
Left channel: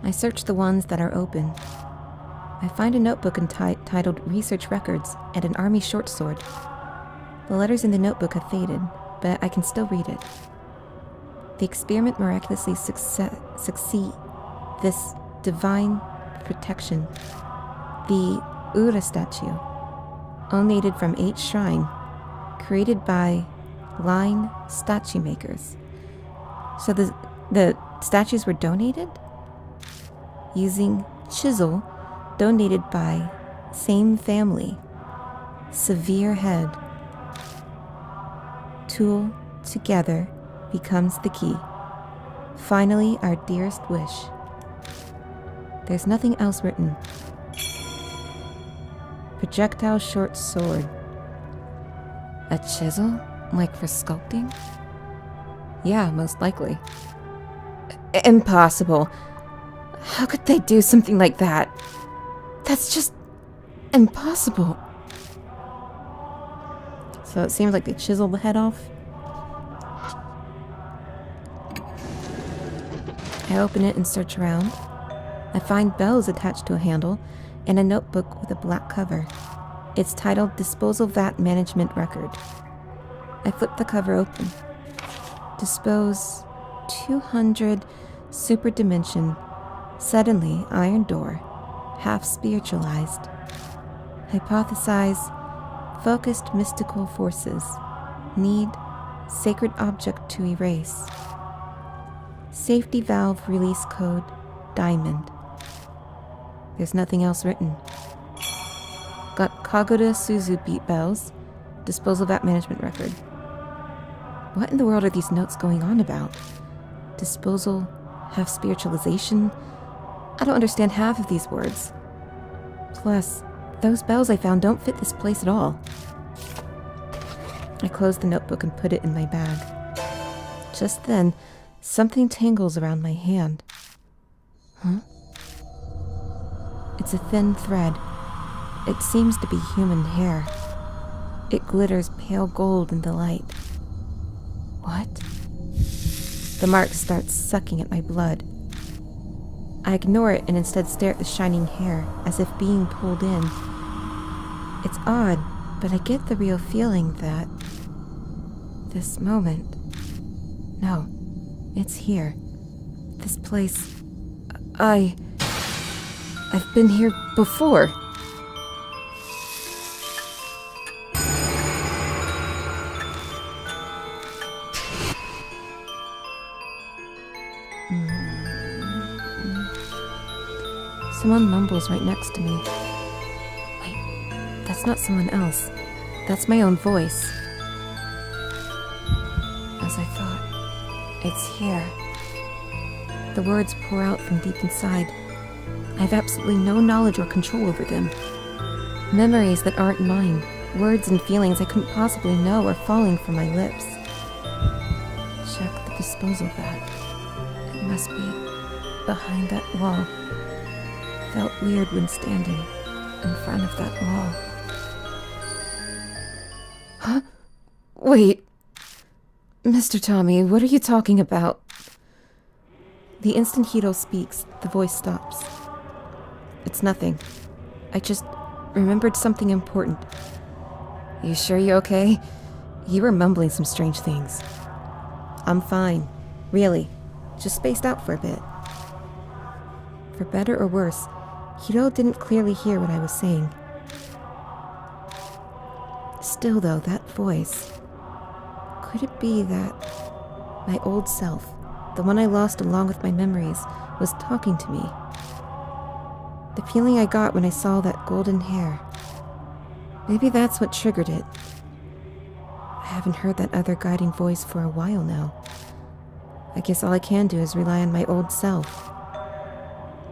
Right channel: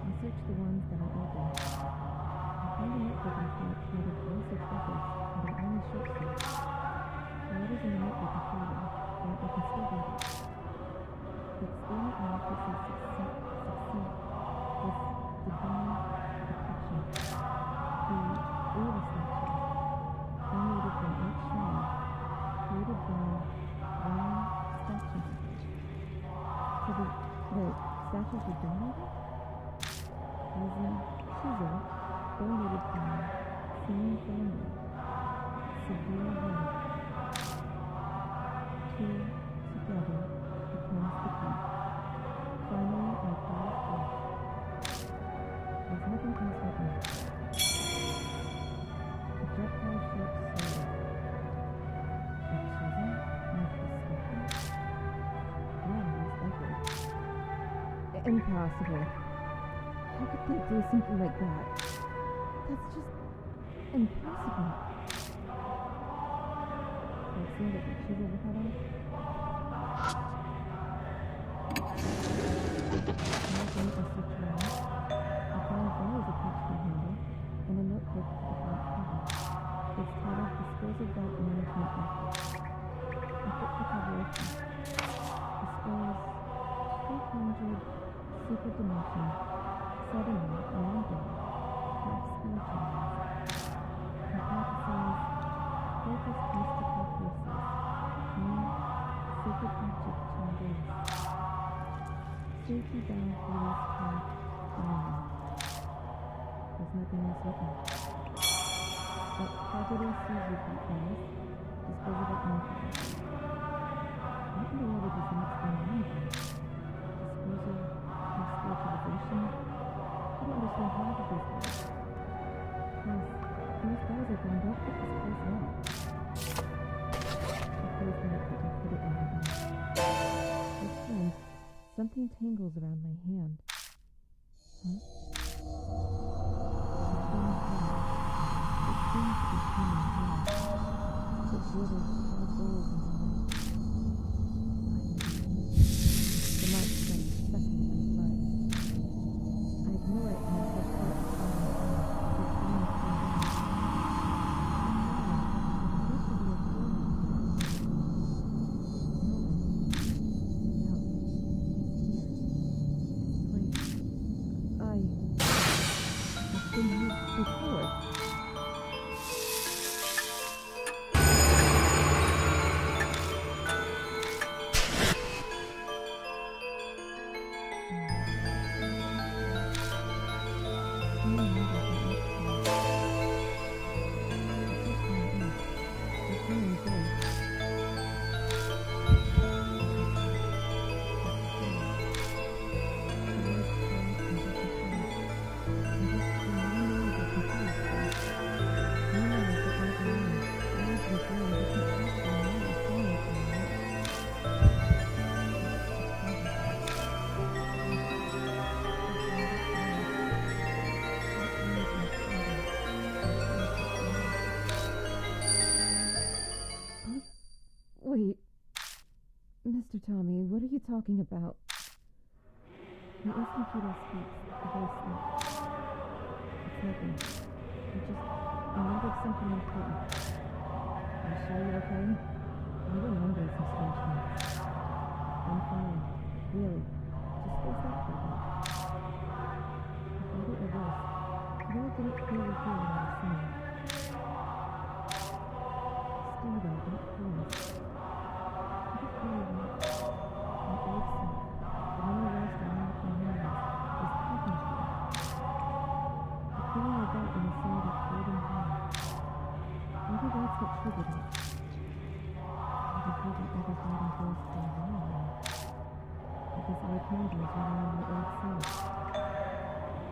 I search the ones that are open. I find a notebook titled Research Records and an army short sword. The letters in the notebook have faded, but I can still read it. The experiment miraculously succeed. This divine protection. The Ura statue, donated from 8 shrine, created by line statue makers. So the statues were donated? Using chisel, donated by same family. Severe head. Tool together becomes the key. Finally, our dearest wish. There's nothing else written. Projectile short sword. A chisel? Like for sculpting? Yeah, most likely. Impossible. How could they do something like that? That's just impossible. So it seems like they chiseled the head off. I open it and search around. I find bells attached to a handle and a notebook with a black cover. It's titled Disposal Vat Management Record. I flip the cover open. Dispose 200 super dimension, suddenly iron door, half spiritualized. Hypothesize focused mystical forces. Need sacred object to erase. Safety valve release code diamond. There's nothing else written. Got Kagoda Suzu beat bells. Disposal vat management record. What in the world are these notes going on about? Disposal, half spiritualization? I don't understand half of these words. Plus, those bells I found don't fit this place at all. I close the notebook and put it in my bag. Just then, something tangles around my hand. Huh? It's a thin thread. It seems to be human hair. It glitters pale gold in the light. What? The mark starts sucking at my blood. I ignore it and instead stare at the shining hair, as if being pulled in. It's odd, but I get the real feeling that this moment... No, it's here. This place... I've been here before. Someone mumbles right next to me. Wait, that's not someone else. That's my own voice. As I thought, it's here. The words pour out from deep inside. I have absolutely no knowledge or control over them. Memories that aren't mine, words and feelings I couldn't possibly know are falling from my lips. Check the disposal vat. It must be behind that wall. Felt weird when standing in front of that wall. Huh? Wait. Mr. Tommy, what are you talking about? The instant Hiroo speaks, the voice stops. It's nothing. I just remembered something important. You sure you're okay? You were mumbling some strange things. I'm fine. Really. Just spaced out for a bit. For better or worse, Hiroo didn't clearly hear what I was saying. Still though, that voice... Could it be that my old self, the one I lost along with my memories, was talking to me? The feeling I got when I saw that golden hair. Maybe that's what triggered it. I haven't heard that other guiding voice for a while now. I guess all I can do is rely on my old self.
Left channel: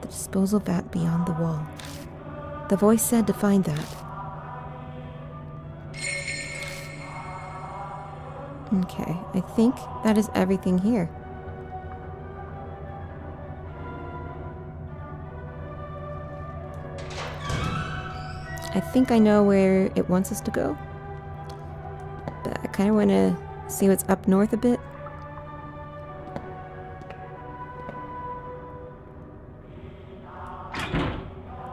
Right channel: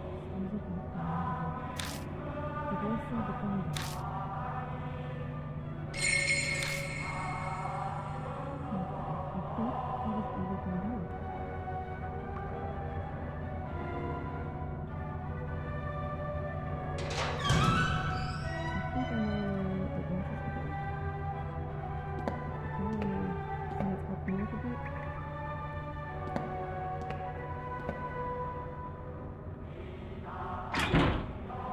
The Disposal vat beyond the wall. The voice said to find that. Okay, I think that is everything here. I think I know where it wants us to go. But I kind of want to see what's up north a bit.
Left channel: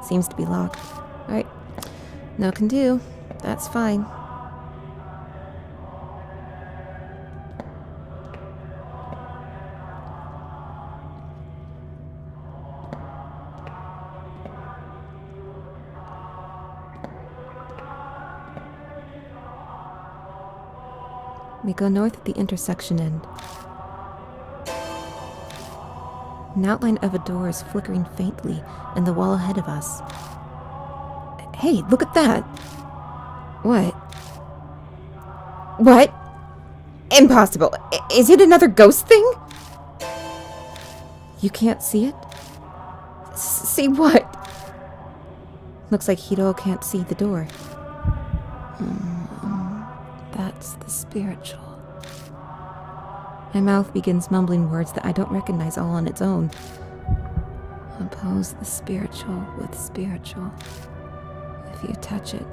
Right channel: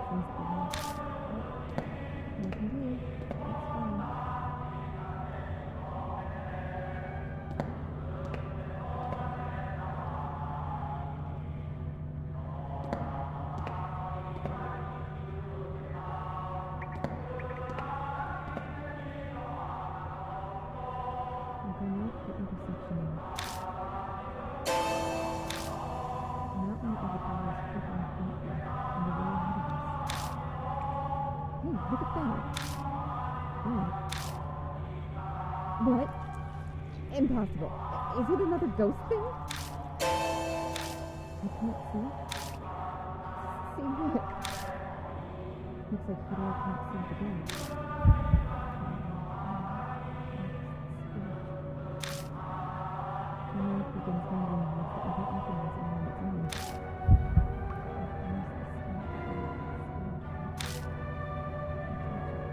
Seems to be locked. Alright. No can do. That's fine. We go north at the intersection end. An outline of a door is flickering faintly in the wall ahead of us. Hey, look at that! What? What? Impossible! Is it another ghost thing? You can't see it? See what? Looks like Hiroo can't see the door. That's the spiritual. My mouth begins mumbling words that I don't recognize all on its own. Oppose the spiritual with spiritual. If you touch it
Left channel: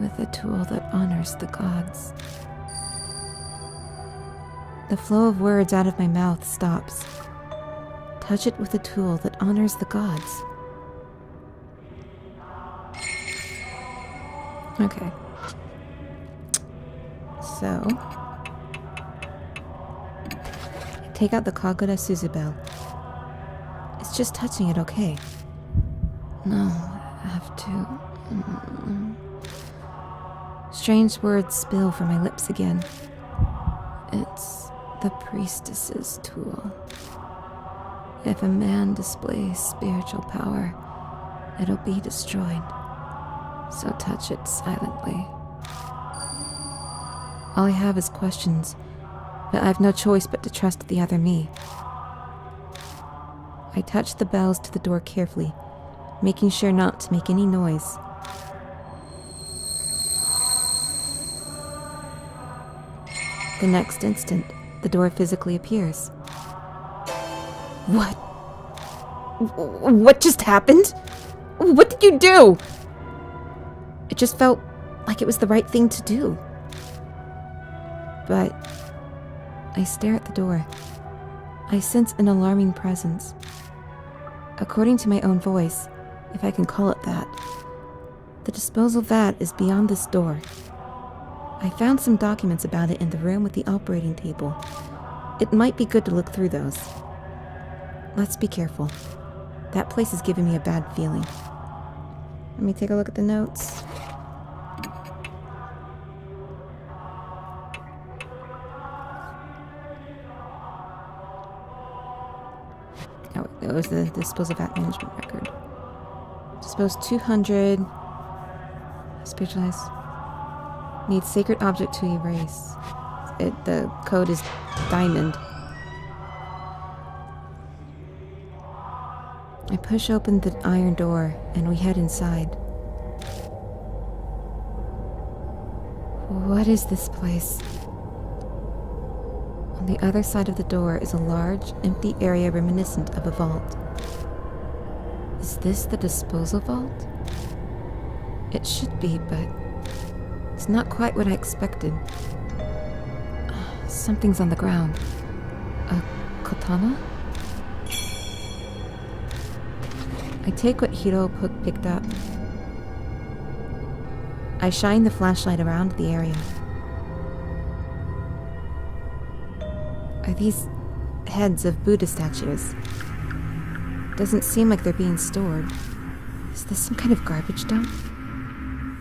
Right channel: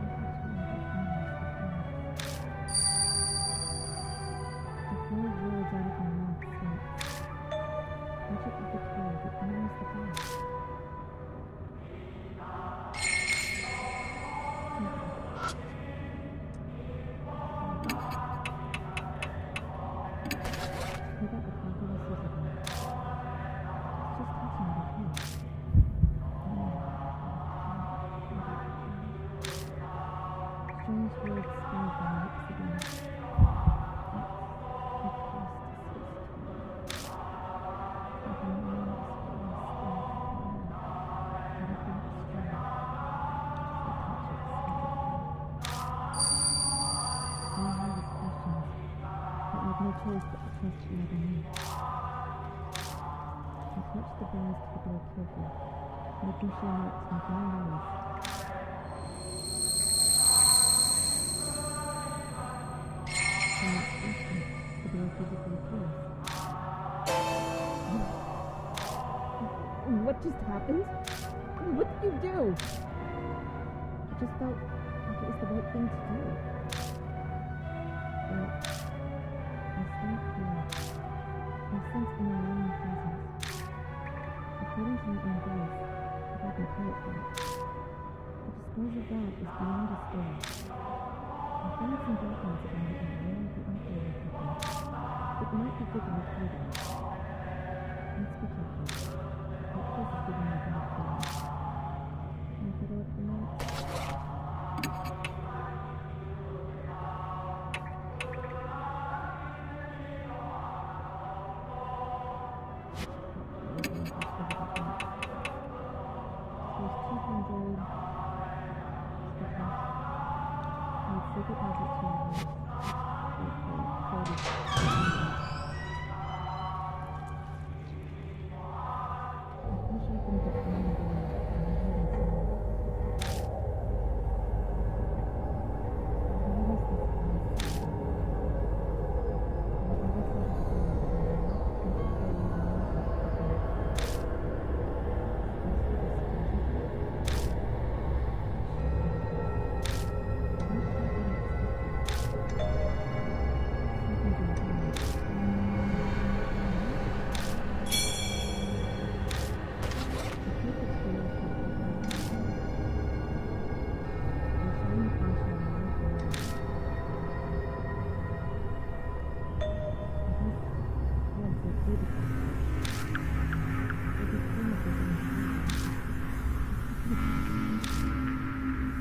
with a tool that honors the gods. The flow of words out of my mouth stops. Touch it with a tool that honors the gods. Okay. So, take out the Kagura Suzubel. It's just touching it, okay? No, I have to. Strange words spill from my lips again. It's the priestess's tool. If a man displays spiritual power, it'll be destroyed. So touch it silently. All I have is questions, but I have no choice but to trust the other me. I touch the bells to the door carefully, making sure not to make any noise. The next instant, the door physically appears. What? What just happened? What did you do? It just felt like it was the right thing to do. But I stare at the door. I sense an alarming presence. According to my own voice, if I can call it that, the disposal vat is beyond this door. I found some documents about it in the room with the operating table. It might be good to look through those. Let's be careful. That place is giving me a bad feeling. Let me take a look at the notes. Oh, it was the disposal vat management record. Dispose 200. Spiritualize. Needs sacred object to erase. The code is diamond. I push open the iron door and we head inside. What is this place? On the other side of the door is a large, empty area reminiscent of a vault. Is this the disposal vault? It should be, but it's not quite what I expected. Something's on the ground. A katana? I take what Hiroo picked up. I shine the flashlight around the area. Are these heads of Buddha statues? Doesn't seem like they're being stored. Is this some kind of garbage dump?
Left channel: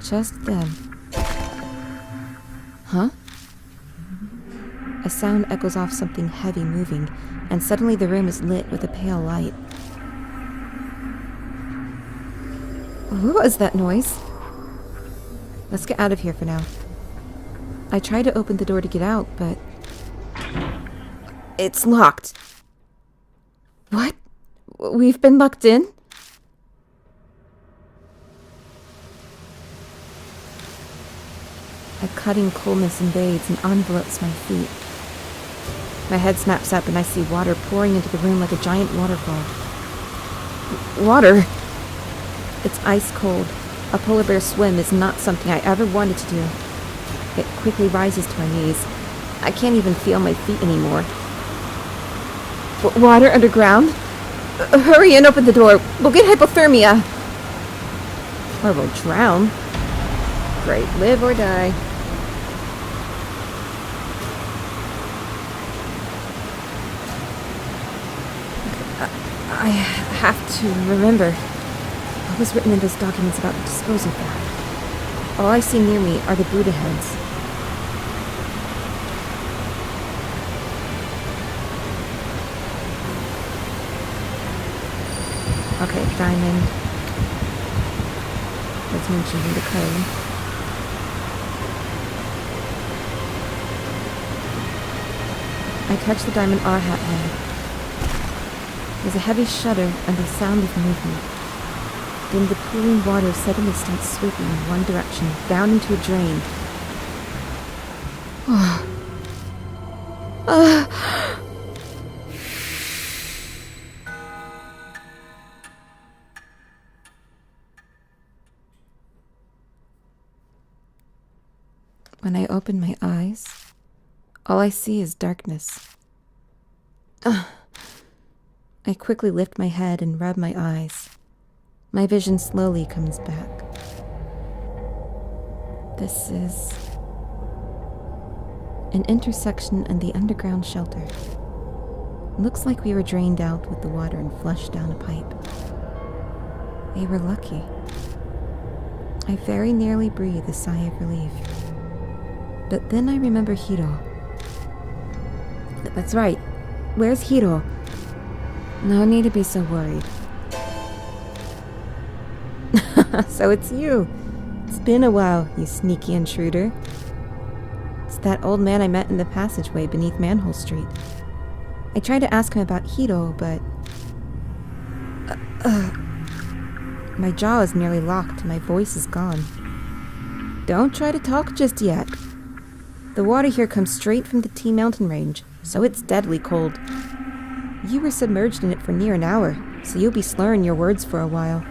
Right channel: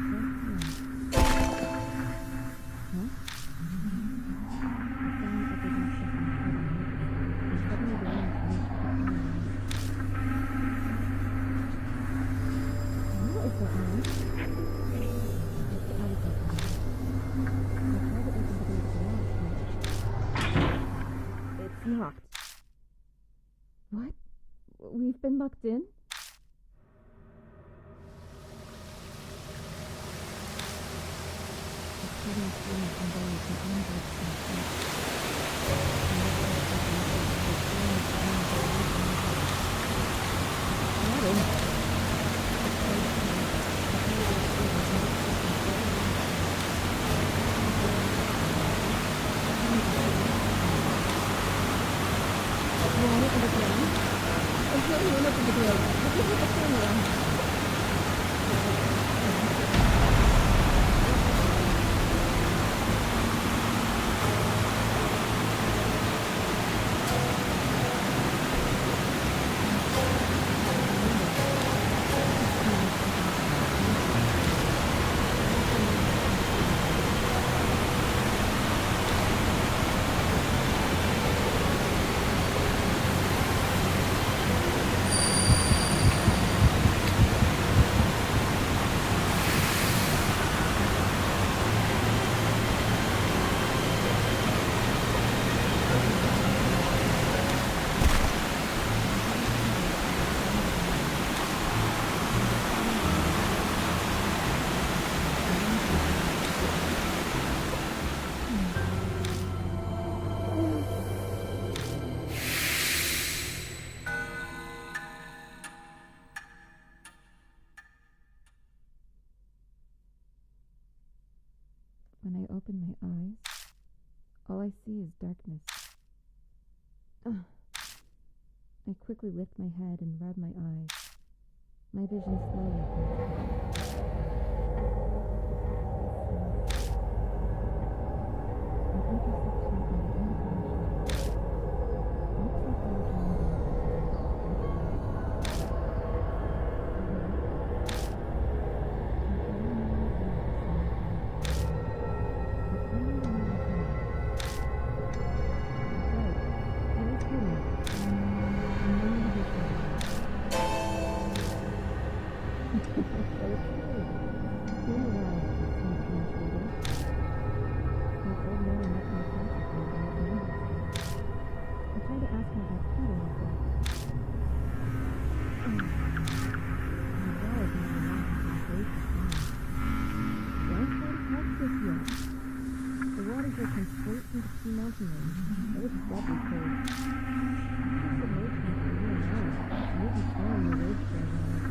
Just then. Huh? A sound echoes off something heavy moving, and suddenly the room is lit with a pale light. What was that noise? Let's get out of here for now. I try to open the door to get out, but it's locked. What? We've been locked in? A cutting coldness invades and envelopes my feet. My head snaps up and I see water pouring into the room like a giant waterfall. Water? It's ice cold. A polar bear swim is not something I ever wanted to do. It quickly rises to my knees. I can't even feel my feet anymore. Water underground? Hurry and open the door. We'll get hypothermia. Or we'll drown. Great, live or die. I have to remember. What is written in these documents about disposal? All I see near me are the Buddha heads. Okay, diamond. Let's mention the clay. I touch the diamond R hat now. There's a heavy shudder and the sound of movement. Then the cooling water suddenly starts sweeping in one direction, down into a drain. When I open my eyes, all I see is darkness. I quickly lift my head and rub my eyes. My vision slowly comes back. This is an intersection and the underground shelter. Looks like we were drained out with the water and flushed down a pipe. We were lucky. I very nearly breathe a sigh of relief. But then I remember Hiroo. That's right. Where's Hiroo? No need to be so worried. So it's you. It's been a while, you sneaky intruder. It's that old man I met in the passageway beneath Manhole Street. I tried to ask him about Hiroo, but... my jaw is nearly locked, my voice is gone. Don't try to talk just yet. The water here comes straight from the T Mountain Range, so it's deadly cold. You were submerged in it for near an hour, so you'll be slurring your words for a while.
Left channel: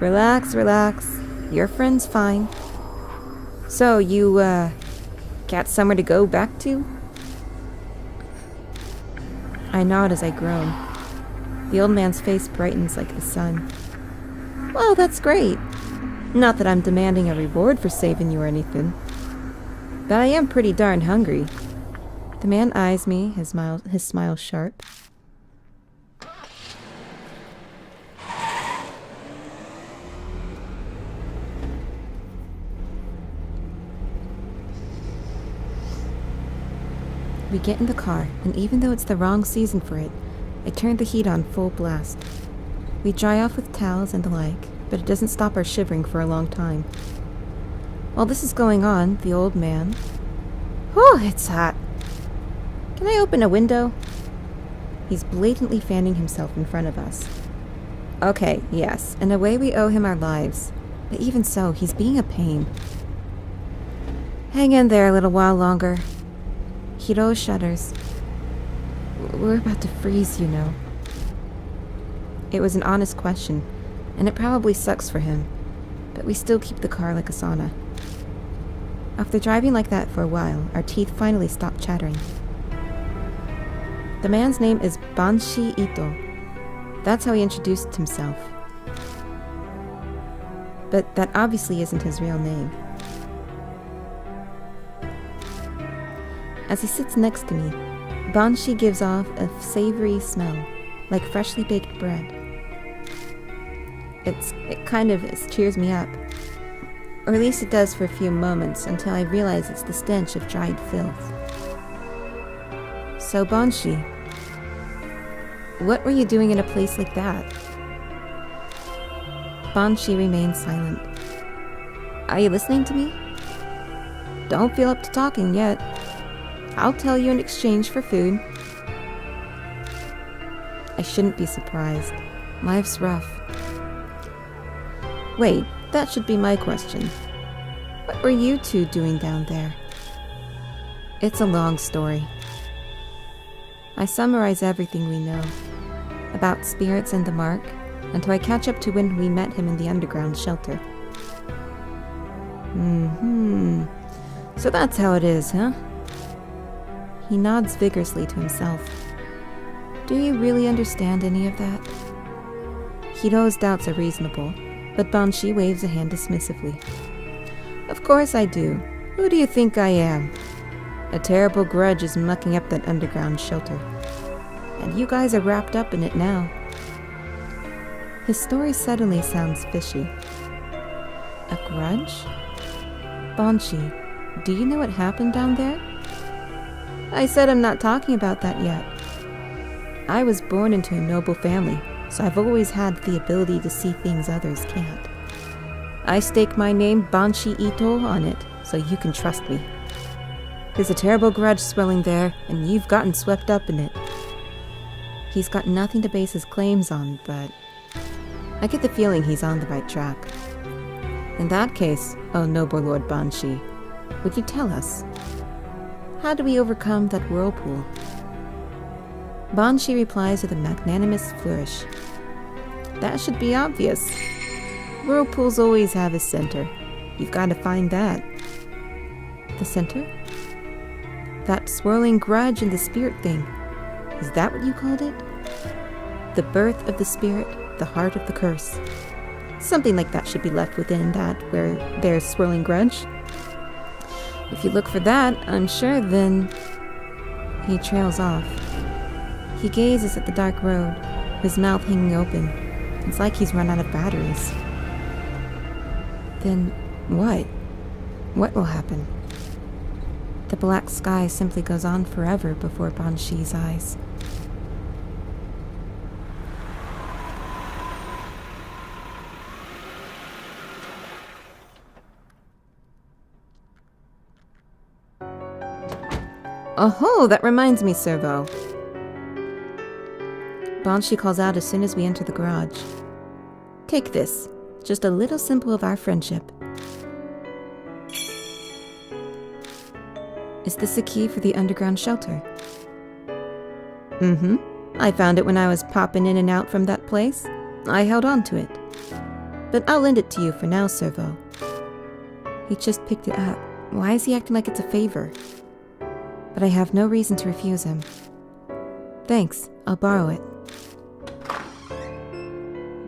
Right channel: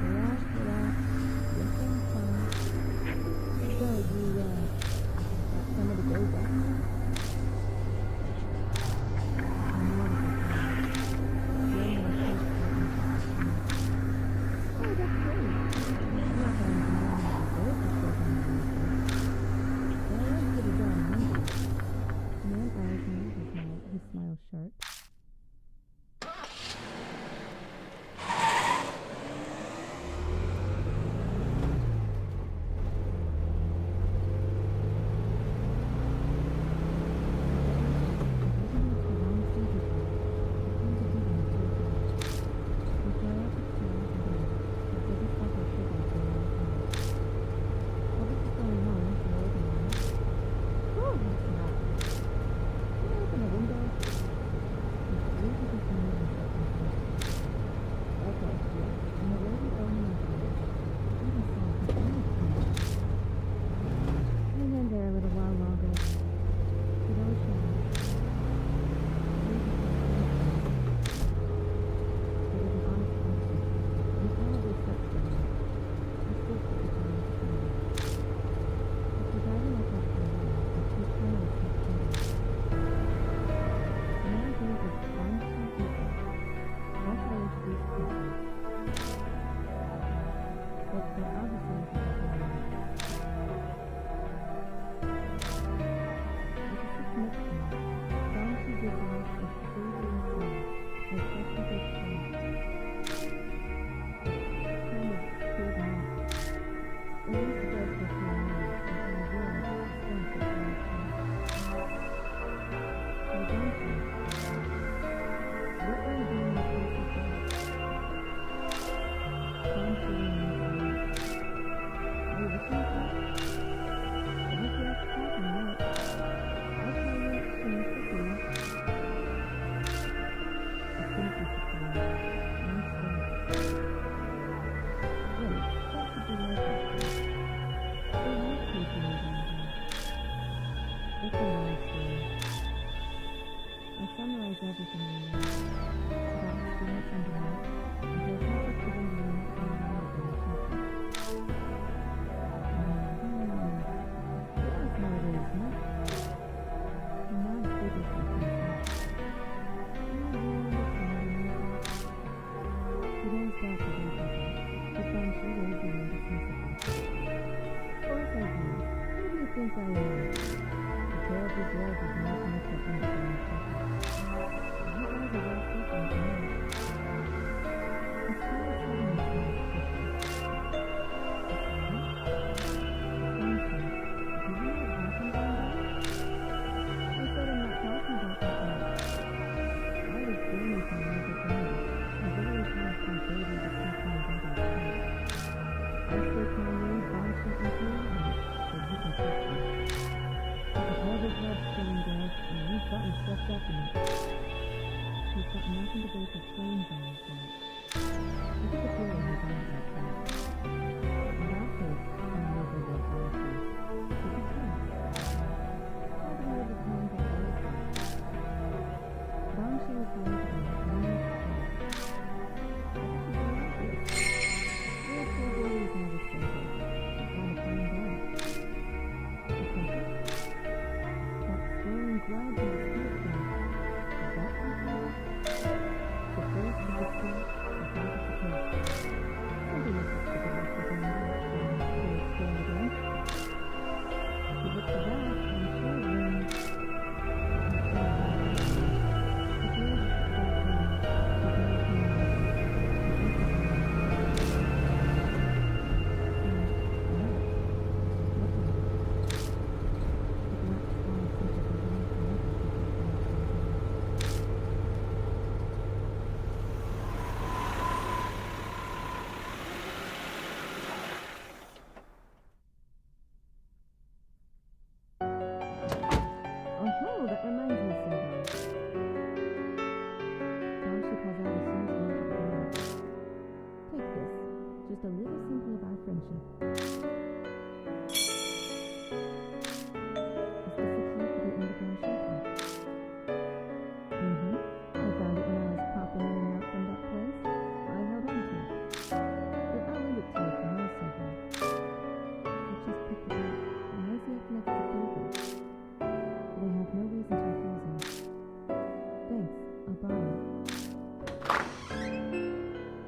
Relax, relax. Your friend's fine. So, you, got somewhere to go back to? I nod as I groan. The old man's face brightens like the sun. Well, that's great. Not that I'm demanding a reward for saving you or anything. But I am pretty darn hungry. The man eyes me, his smile sharp. We get in the car, and even though it's the wrong season for it, I turn the heat on full blast. We dry off with towels and the like, but it doesn't stop our shivering for a long time. While this is going on, the old man... Oh, it's hot. Can I open a window? He's blatantly fanning himself in front of us. Okay, yes, in a way we owe him our lives. But even so, he's being a pain. Hang in there a little while longer. Hiroo shudders. We're about to freeze, you know. It was an honest question, and it probably sucks for him, but we still keep the car like a sauna. After driving like that for a while, our teeth finally stop chattering. The man's name is Banshi Ito. That's how he introduced himself. But that obviously isn't his real name. As he sits next to me, Banshi gives off a savory smell, like freshly baked bread. It kind of cheers me up. Or at least it does for a few moments, until I realize it's the stench of dried filth. So Banshi, what were you doing in a place like that? Banshi remains silent. Are you listening to me? Don't feel up to talking yet. I'll tell you in exchange for food. I shouldn't be surprised. Life's rough. Wait, that should be my question. What were you two doing down there? It's a long story. I summarize everything we know about spirits and the mark until I catch up to when we met him in the underground shelter. So that's how it is, huh? He nods vigorously to himself. Do you really understand any of that? Hiroo's doubts are reasonable, but Banshee waves a hand dismissively. Of course I do. Who do you think I am? A terrible grudge is mucking up that underground shelter. And you guys are wrapped up in it now. His story suddenly sounds fishy. A grudge? Banshee, do you know what happened down there? I said I'm not talking about that yet. I was born into a noble family, so I've always had the ability to see things others can't. I stake my name, Banshee Ito, on it, so you can trust me. There's a terrible grudge swelling there, and you've gotten swept up in it. He's got nothing to base his claims on, but I get the feeling he's on the right track. In that case, oh noble Lord Banshee, would you tell us? How do we overcome that whirlpool? Banshee replies with a magnanimous flourish. That should be obvious. Whirlpools always have a center. You've got to find that. The center? That swirling grudge and the spirit thing. Is that what you called it? The birth of the spirit, the heart of the curse. Something like that should be left within that where there's swirling grudge. If you look for that, I'm sure then... He trails off. He gazes at the dark road, his mouth hanging open. It's like he's run out of batteries. Then what? What will happen? The black sky simply goes on forever before Banshee's eyes. Oh, that reminds me, Servo. Banshee calls out as soon as we enter the garage. Take this. Just a little symbol of our friendship. Is this a key for the underground shelter? I found it when I was popping in and out from that place. I held on to it. But I'll lend it to you for now, Servo. He just picked it up. Why is he acting like it's a favor? But I have no reason to refuse him. Thanks, I'll borrow it.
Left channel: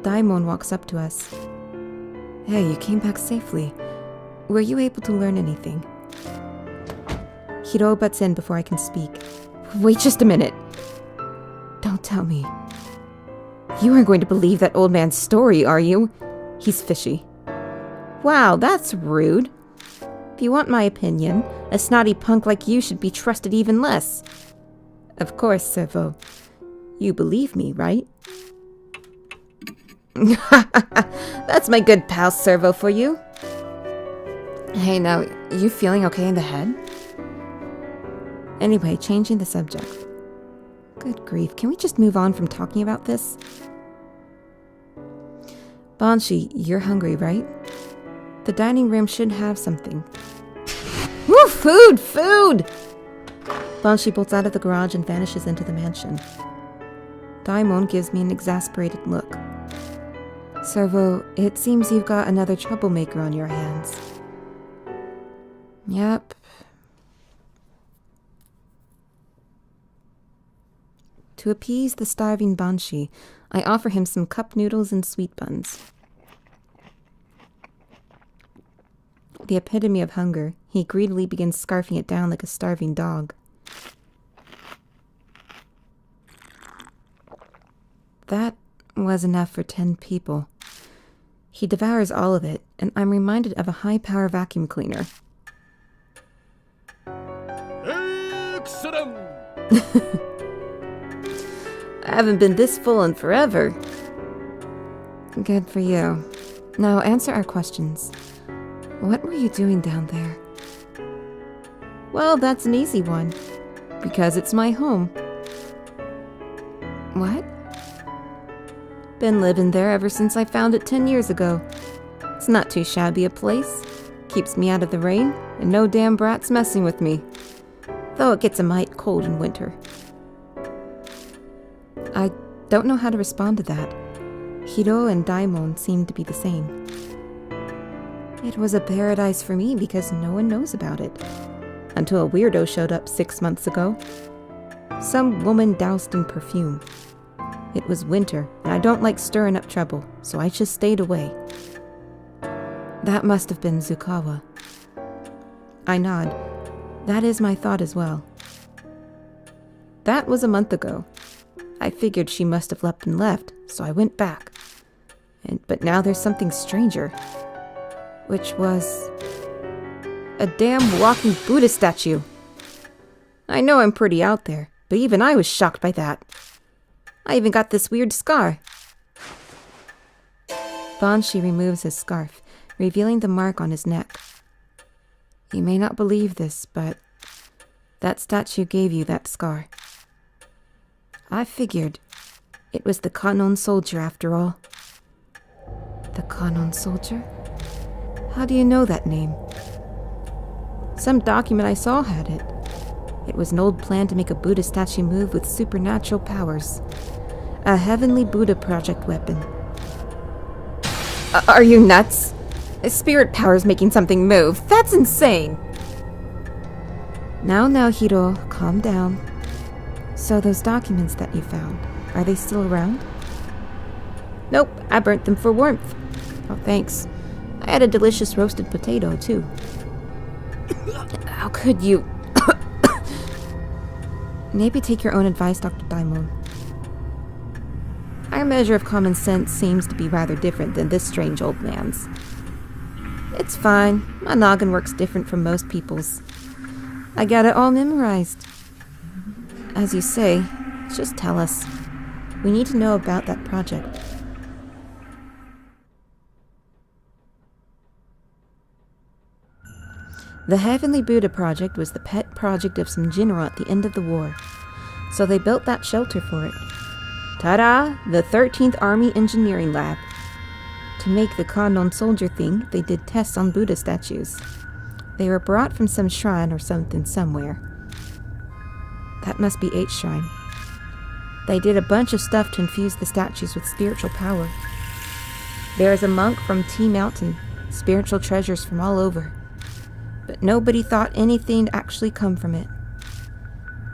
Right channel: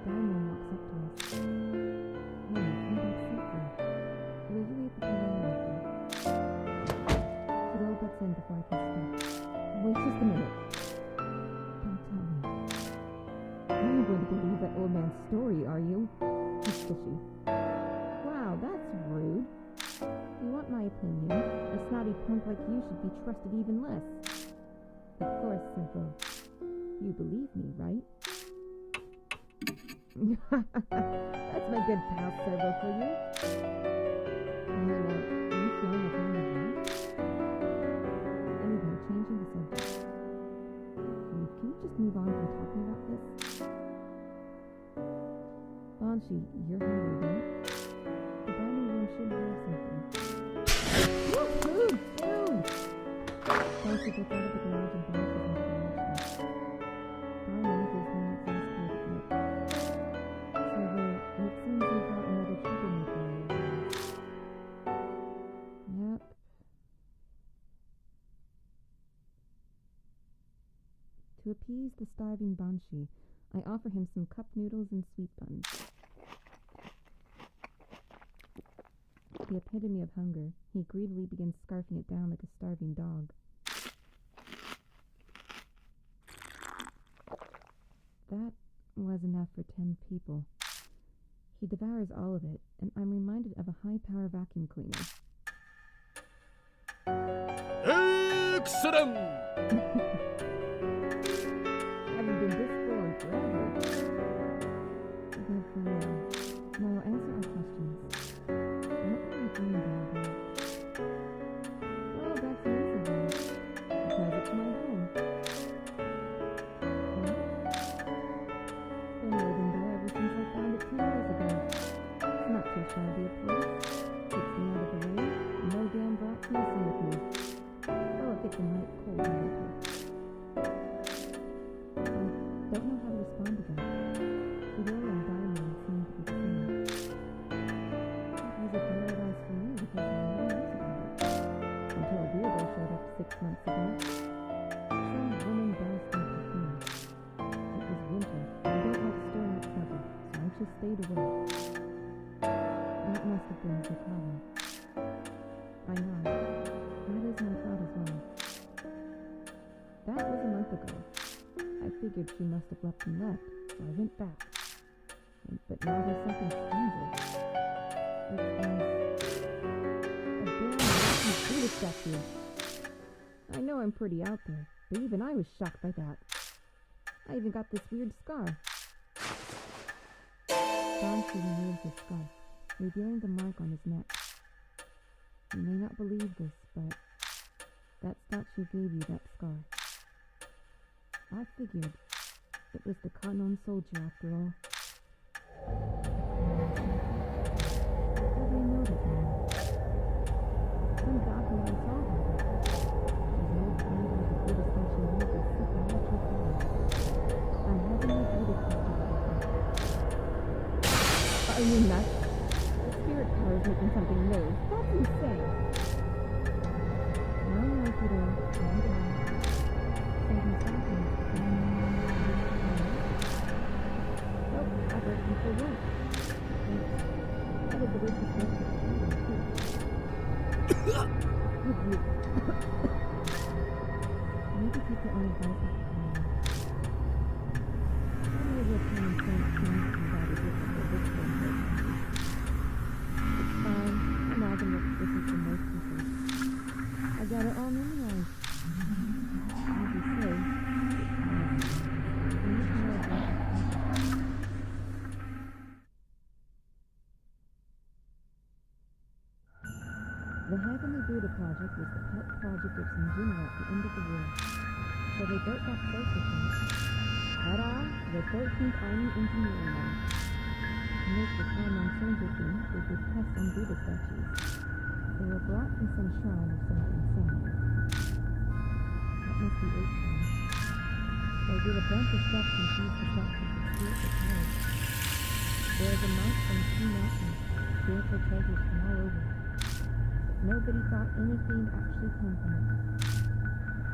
Daimon walks up to us. Hey, you came back safely. Were you able to learn anything? Hiroo butts in before I can speak. Wait just a minute. Don't tell me. You aren't going to believe that old man's story, are you? He's fishy. Wow, that's rude. If you want my opinion, a snotty punk like you should be trusted even less. Of course, Servo. You believe me, right? That's my good pal Servo for you. Hey, now, you feeling okay in the head? Anyway, changing the subject. Good grief, can we just move on from talking about this? Banshee, you're hungry, right? The dining room should have something. Woo! Food! Food! Banshee bolts out of the garage and vanishes into the mansion. Daimon gives me an exasperated look. Servo, it seems you've got another troublemaker on your hands. Yep. To appease the starving Banshee, I offer him some cup noodles and sweet buns. The epitome of hunger, he greedily begins scarfing it down like a starving dog. That was enough for 10 people. He devours all of it, and I'm reminded of a high-power vacuum cleaner. Excellent! I haven't been this full in forever. Good for you. Now answer our questions. What were you doing down there? Well, that's an easy one. Because it's my home. What? Been living there ever since I found it 10 years ago. It's not too shabby a place. keeps me out of the rain, and no damn brats messing with me. Though it gets a mite cold in winter. I don't know how to respond to that. Hiroo and Daimon seem to be the same. It was a paradise for me because no one knows about it. Until a weirdo showed up 6 months ago. Some woman doused in perfume. It was winter, and I don't like stirring up trouble, so I just stayed away. That must have been Zukawa. I nod. That is my thought as well. That was a month ago. I figured she must have leapt and left, so I went back. But now there's something stranger. Which was... a damn walking Buddha statue. I know I'm pretty out there, but even I was shocked by that. I even got this weird scar. Banshee removes his scarf, revealing the mark on his neck. You may not believe this, but that statue gave you that scar. I figured it was the Kanon soldier after all. The Kanon soldier? How do you know that name? Some document I saw had it. It was an old plan to make a Buddha statue move with supernatural powers. A heavenly Buddha project weapon. Are you nuts? A spirit power is making something move. That's insane! Now, Hiroo, calm down. So those documents that you found, are they still around? Nope, I burnt them for warmth. Oh, thanks. I had a delicious roasted potato, too. How could you? Maybe take your own advice, Dr. Daimon. Our measure of common sense seems to be rather different than this strange old man's. It's fine. My noggin works different from most people's. I got it all memorized. As you say, just tell us. We need to know about that project. The Heavenly Buddha Project was the pet project of some general at the end of the war, so they built that shelter for it. Ta-da! The 13th Army Engineering Lab. To make the Kanon soldier thing, they did tests on Buddha statues. They were brought from some shrine or something somewhere. That must be H Shrine. They did a bunch of stuff to infuse the statues with spiritual power. There is a monk from T Mountain, spiritual treasures from all over. But nobody thought anything would actually come from it.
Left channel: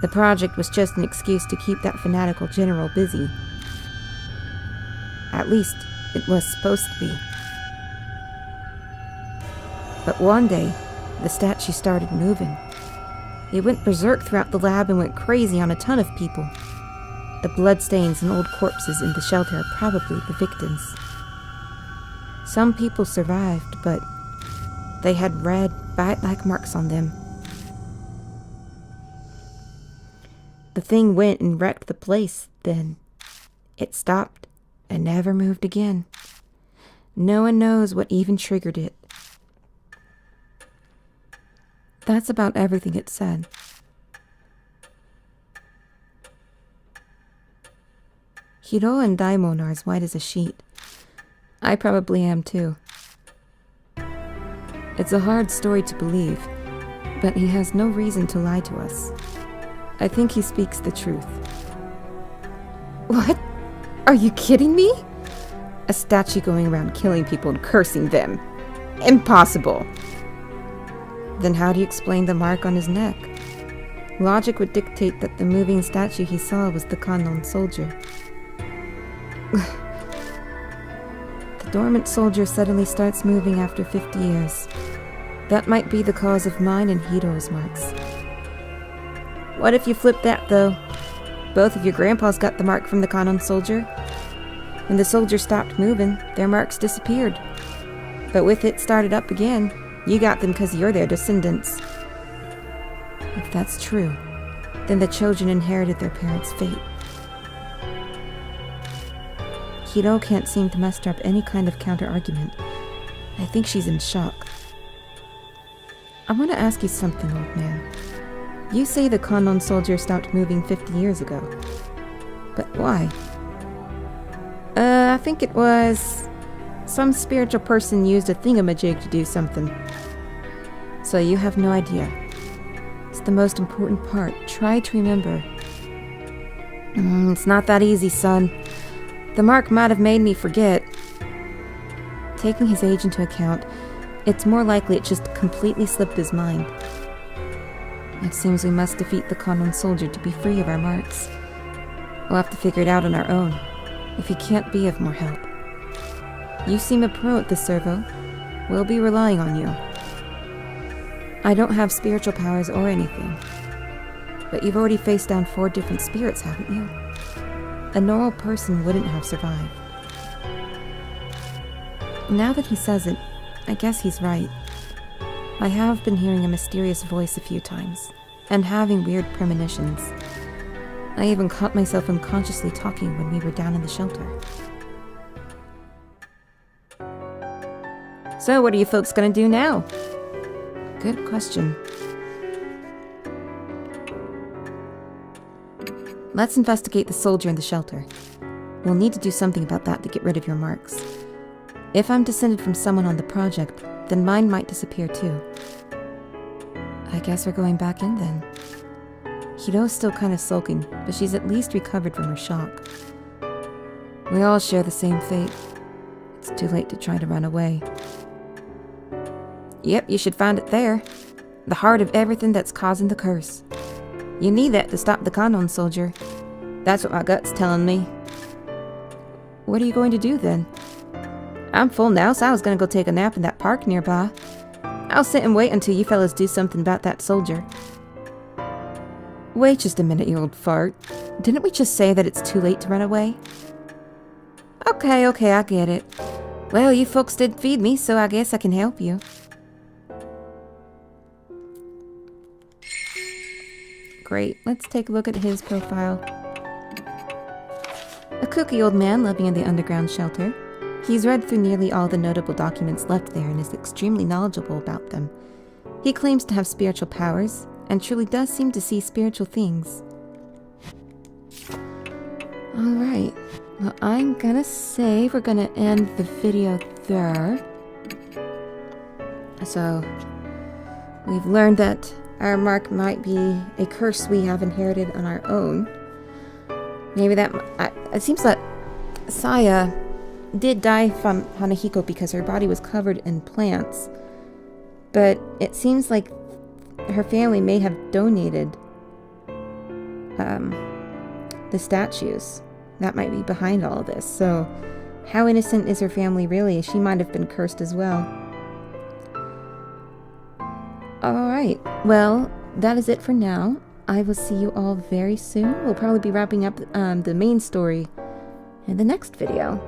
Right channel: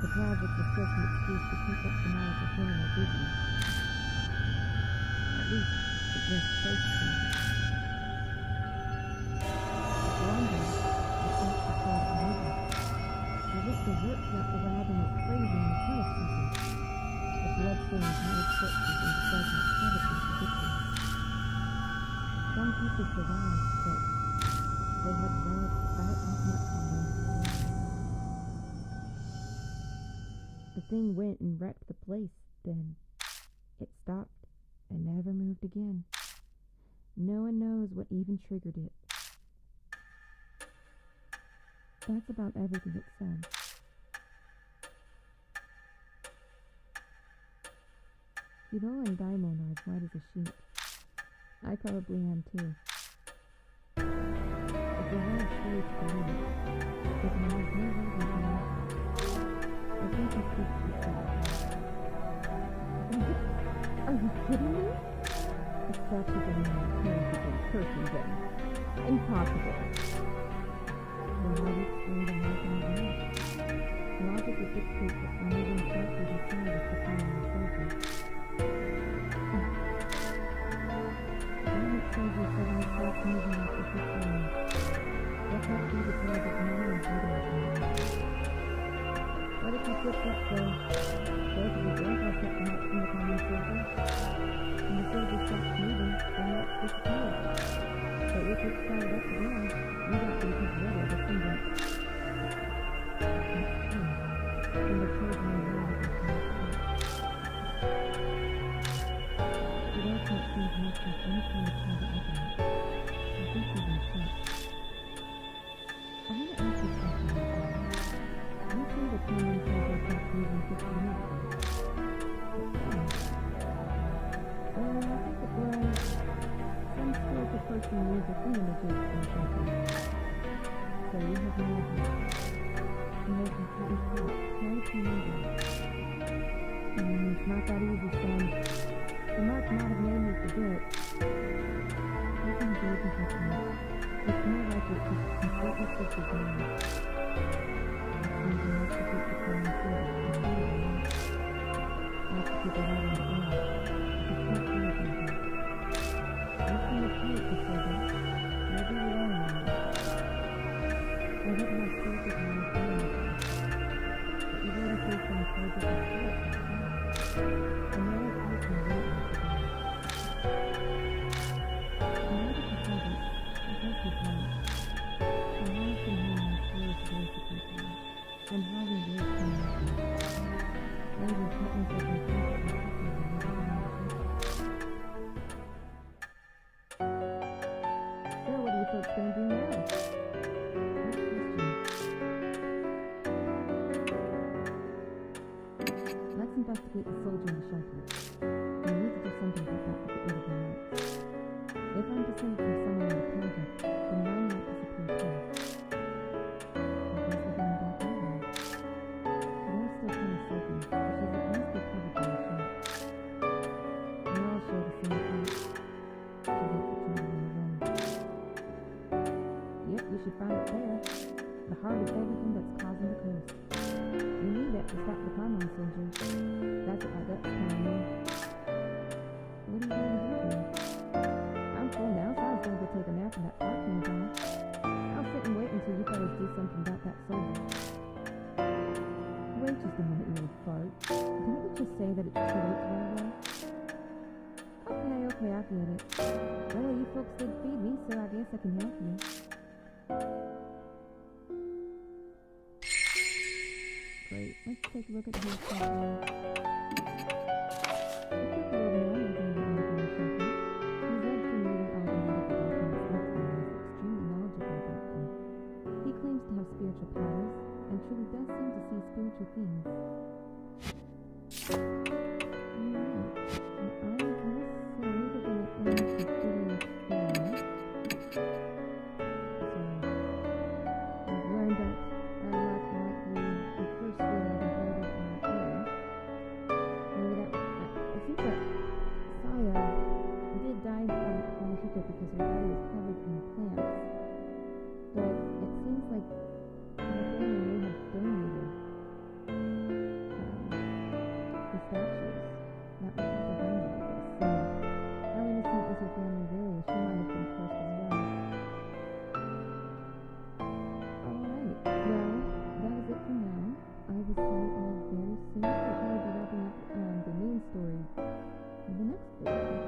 The project was just an excuse to keep that fanatical general busy. At least, it was supposed to be. But one day, the statue started moving. It went berserk throughout the lab and went crazy on a ton of people. The bloodstains and old corpses in the shelter are probably the victims. Some people survived, but they had red, bite-like marks on them. The thing went and wrecked the place, then it stopped and never moved again. No one knows what even triggered it. That's about everything it said. Hiroo and Daimon are as white as a sheet. I probably am too. It's a hard story to believe, but he has no reason to lie to us. I think he speaks the truth. What? Are you kidding me? A statue going around killing people and cursing them. Impossible. Then how do you explain the mark on his neck? Logic would dictate that the moving statue he saw was the Kanon soldier. The dormant soldier suddenly starts moving after 50 years. That might be the cause of mine and Hiroo's marks. What if you flip that, though? Both of your grandpas got the mark from the Kanon soldier. When the soldier stopped moving, their marks disappeared. But with it started up again, you got them because you're their descendants. If that's true, then the children inherited their parents' fate. Hiroo can't seem to muster up any kind of counter-argument. I think she's in shock. I want to ask you something, old man. You say the Kanon soldier stopped moving 50 years ago. But why? I think it was... some spiritual person used a thingamajig to do something. So you have no idea. It's the most important part. Try to remember. It's not that easy, son. The mark might have made me forget. Taking his age into account, it's more likely it just completely slipped his mind. It seems we must defeat the common soldier to be free of our marks. We'll have to figure it out on our own, if he can't be of more help. You seem a pro at this, Servo. We'll be relying on you. I don't have spiritual powers or anything, but you've already faced down 4 different spirits, haven't you? A normal person wouldn't have survived. Now that he says it, I guess he's right. I have been hearing a mysterious voice a few times, and having weird premonitions. I even caught myself unconsciously talking when we were down in the shelter. So what are you folks gonna do now? Good question. Let's investigate the soldier in the shelter. We'll need to do something about that to get rid of your marks. If I'm descended from someone on the project, then mine might disappear too. I guess we're going back in then. Hiroo's still kind of sulking, but she's at least recovered from her shock. We all share the same fate. It's too late to try to run away. Yep, you should find it there. The heart of everything that's causing the curse. You need that to stop the Kanon soldier. That's what my gut's telling me. What are you going to do then? I'm full now, so I was gonna go take a nap in that park nearby. I'll sit and wait until you fellas do something about that soldier. Wait just a minute, you old fart. Didn't we just say that it's too late to run away? Okay, I get it. Well, you folks did feed me, so I guess I can help you. Great, let's take a look at his profile. A kooky old man living in the underground shelter. He's read through nearly all the notable documents left there and is extremely knowledgeable about them. He claims to have spiritual powers, and truly does seem to see spiritual things. Alright, well I'm gonna say we're gonna end the video there. So, we've learned that our mark might be a curse we have inherited on our own. Maybe that... it seems that Saya did die from Hanahiko because her body was covered in plants. But it seems like her family may have donated the statues. That might be behind all of this. So, how innocent is her family really? She might have been cursed as well. Alright, well, that is it for now. I will see you all very soon. We'll probably be wrapping up the main story in the next video.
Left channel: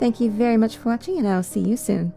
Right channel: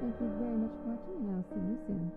Thank you very much for watching, and I'll see you soon.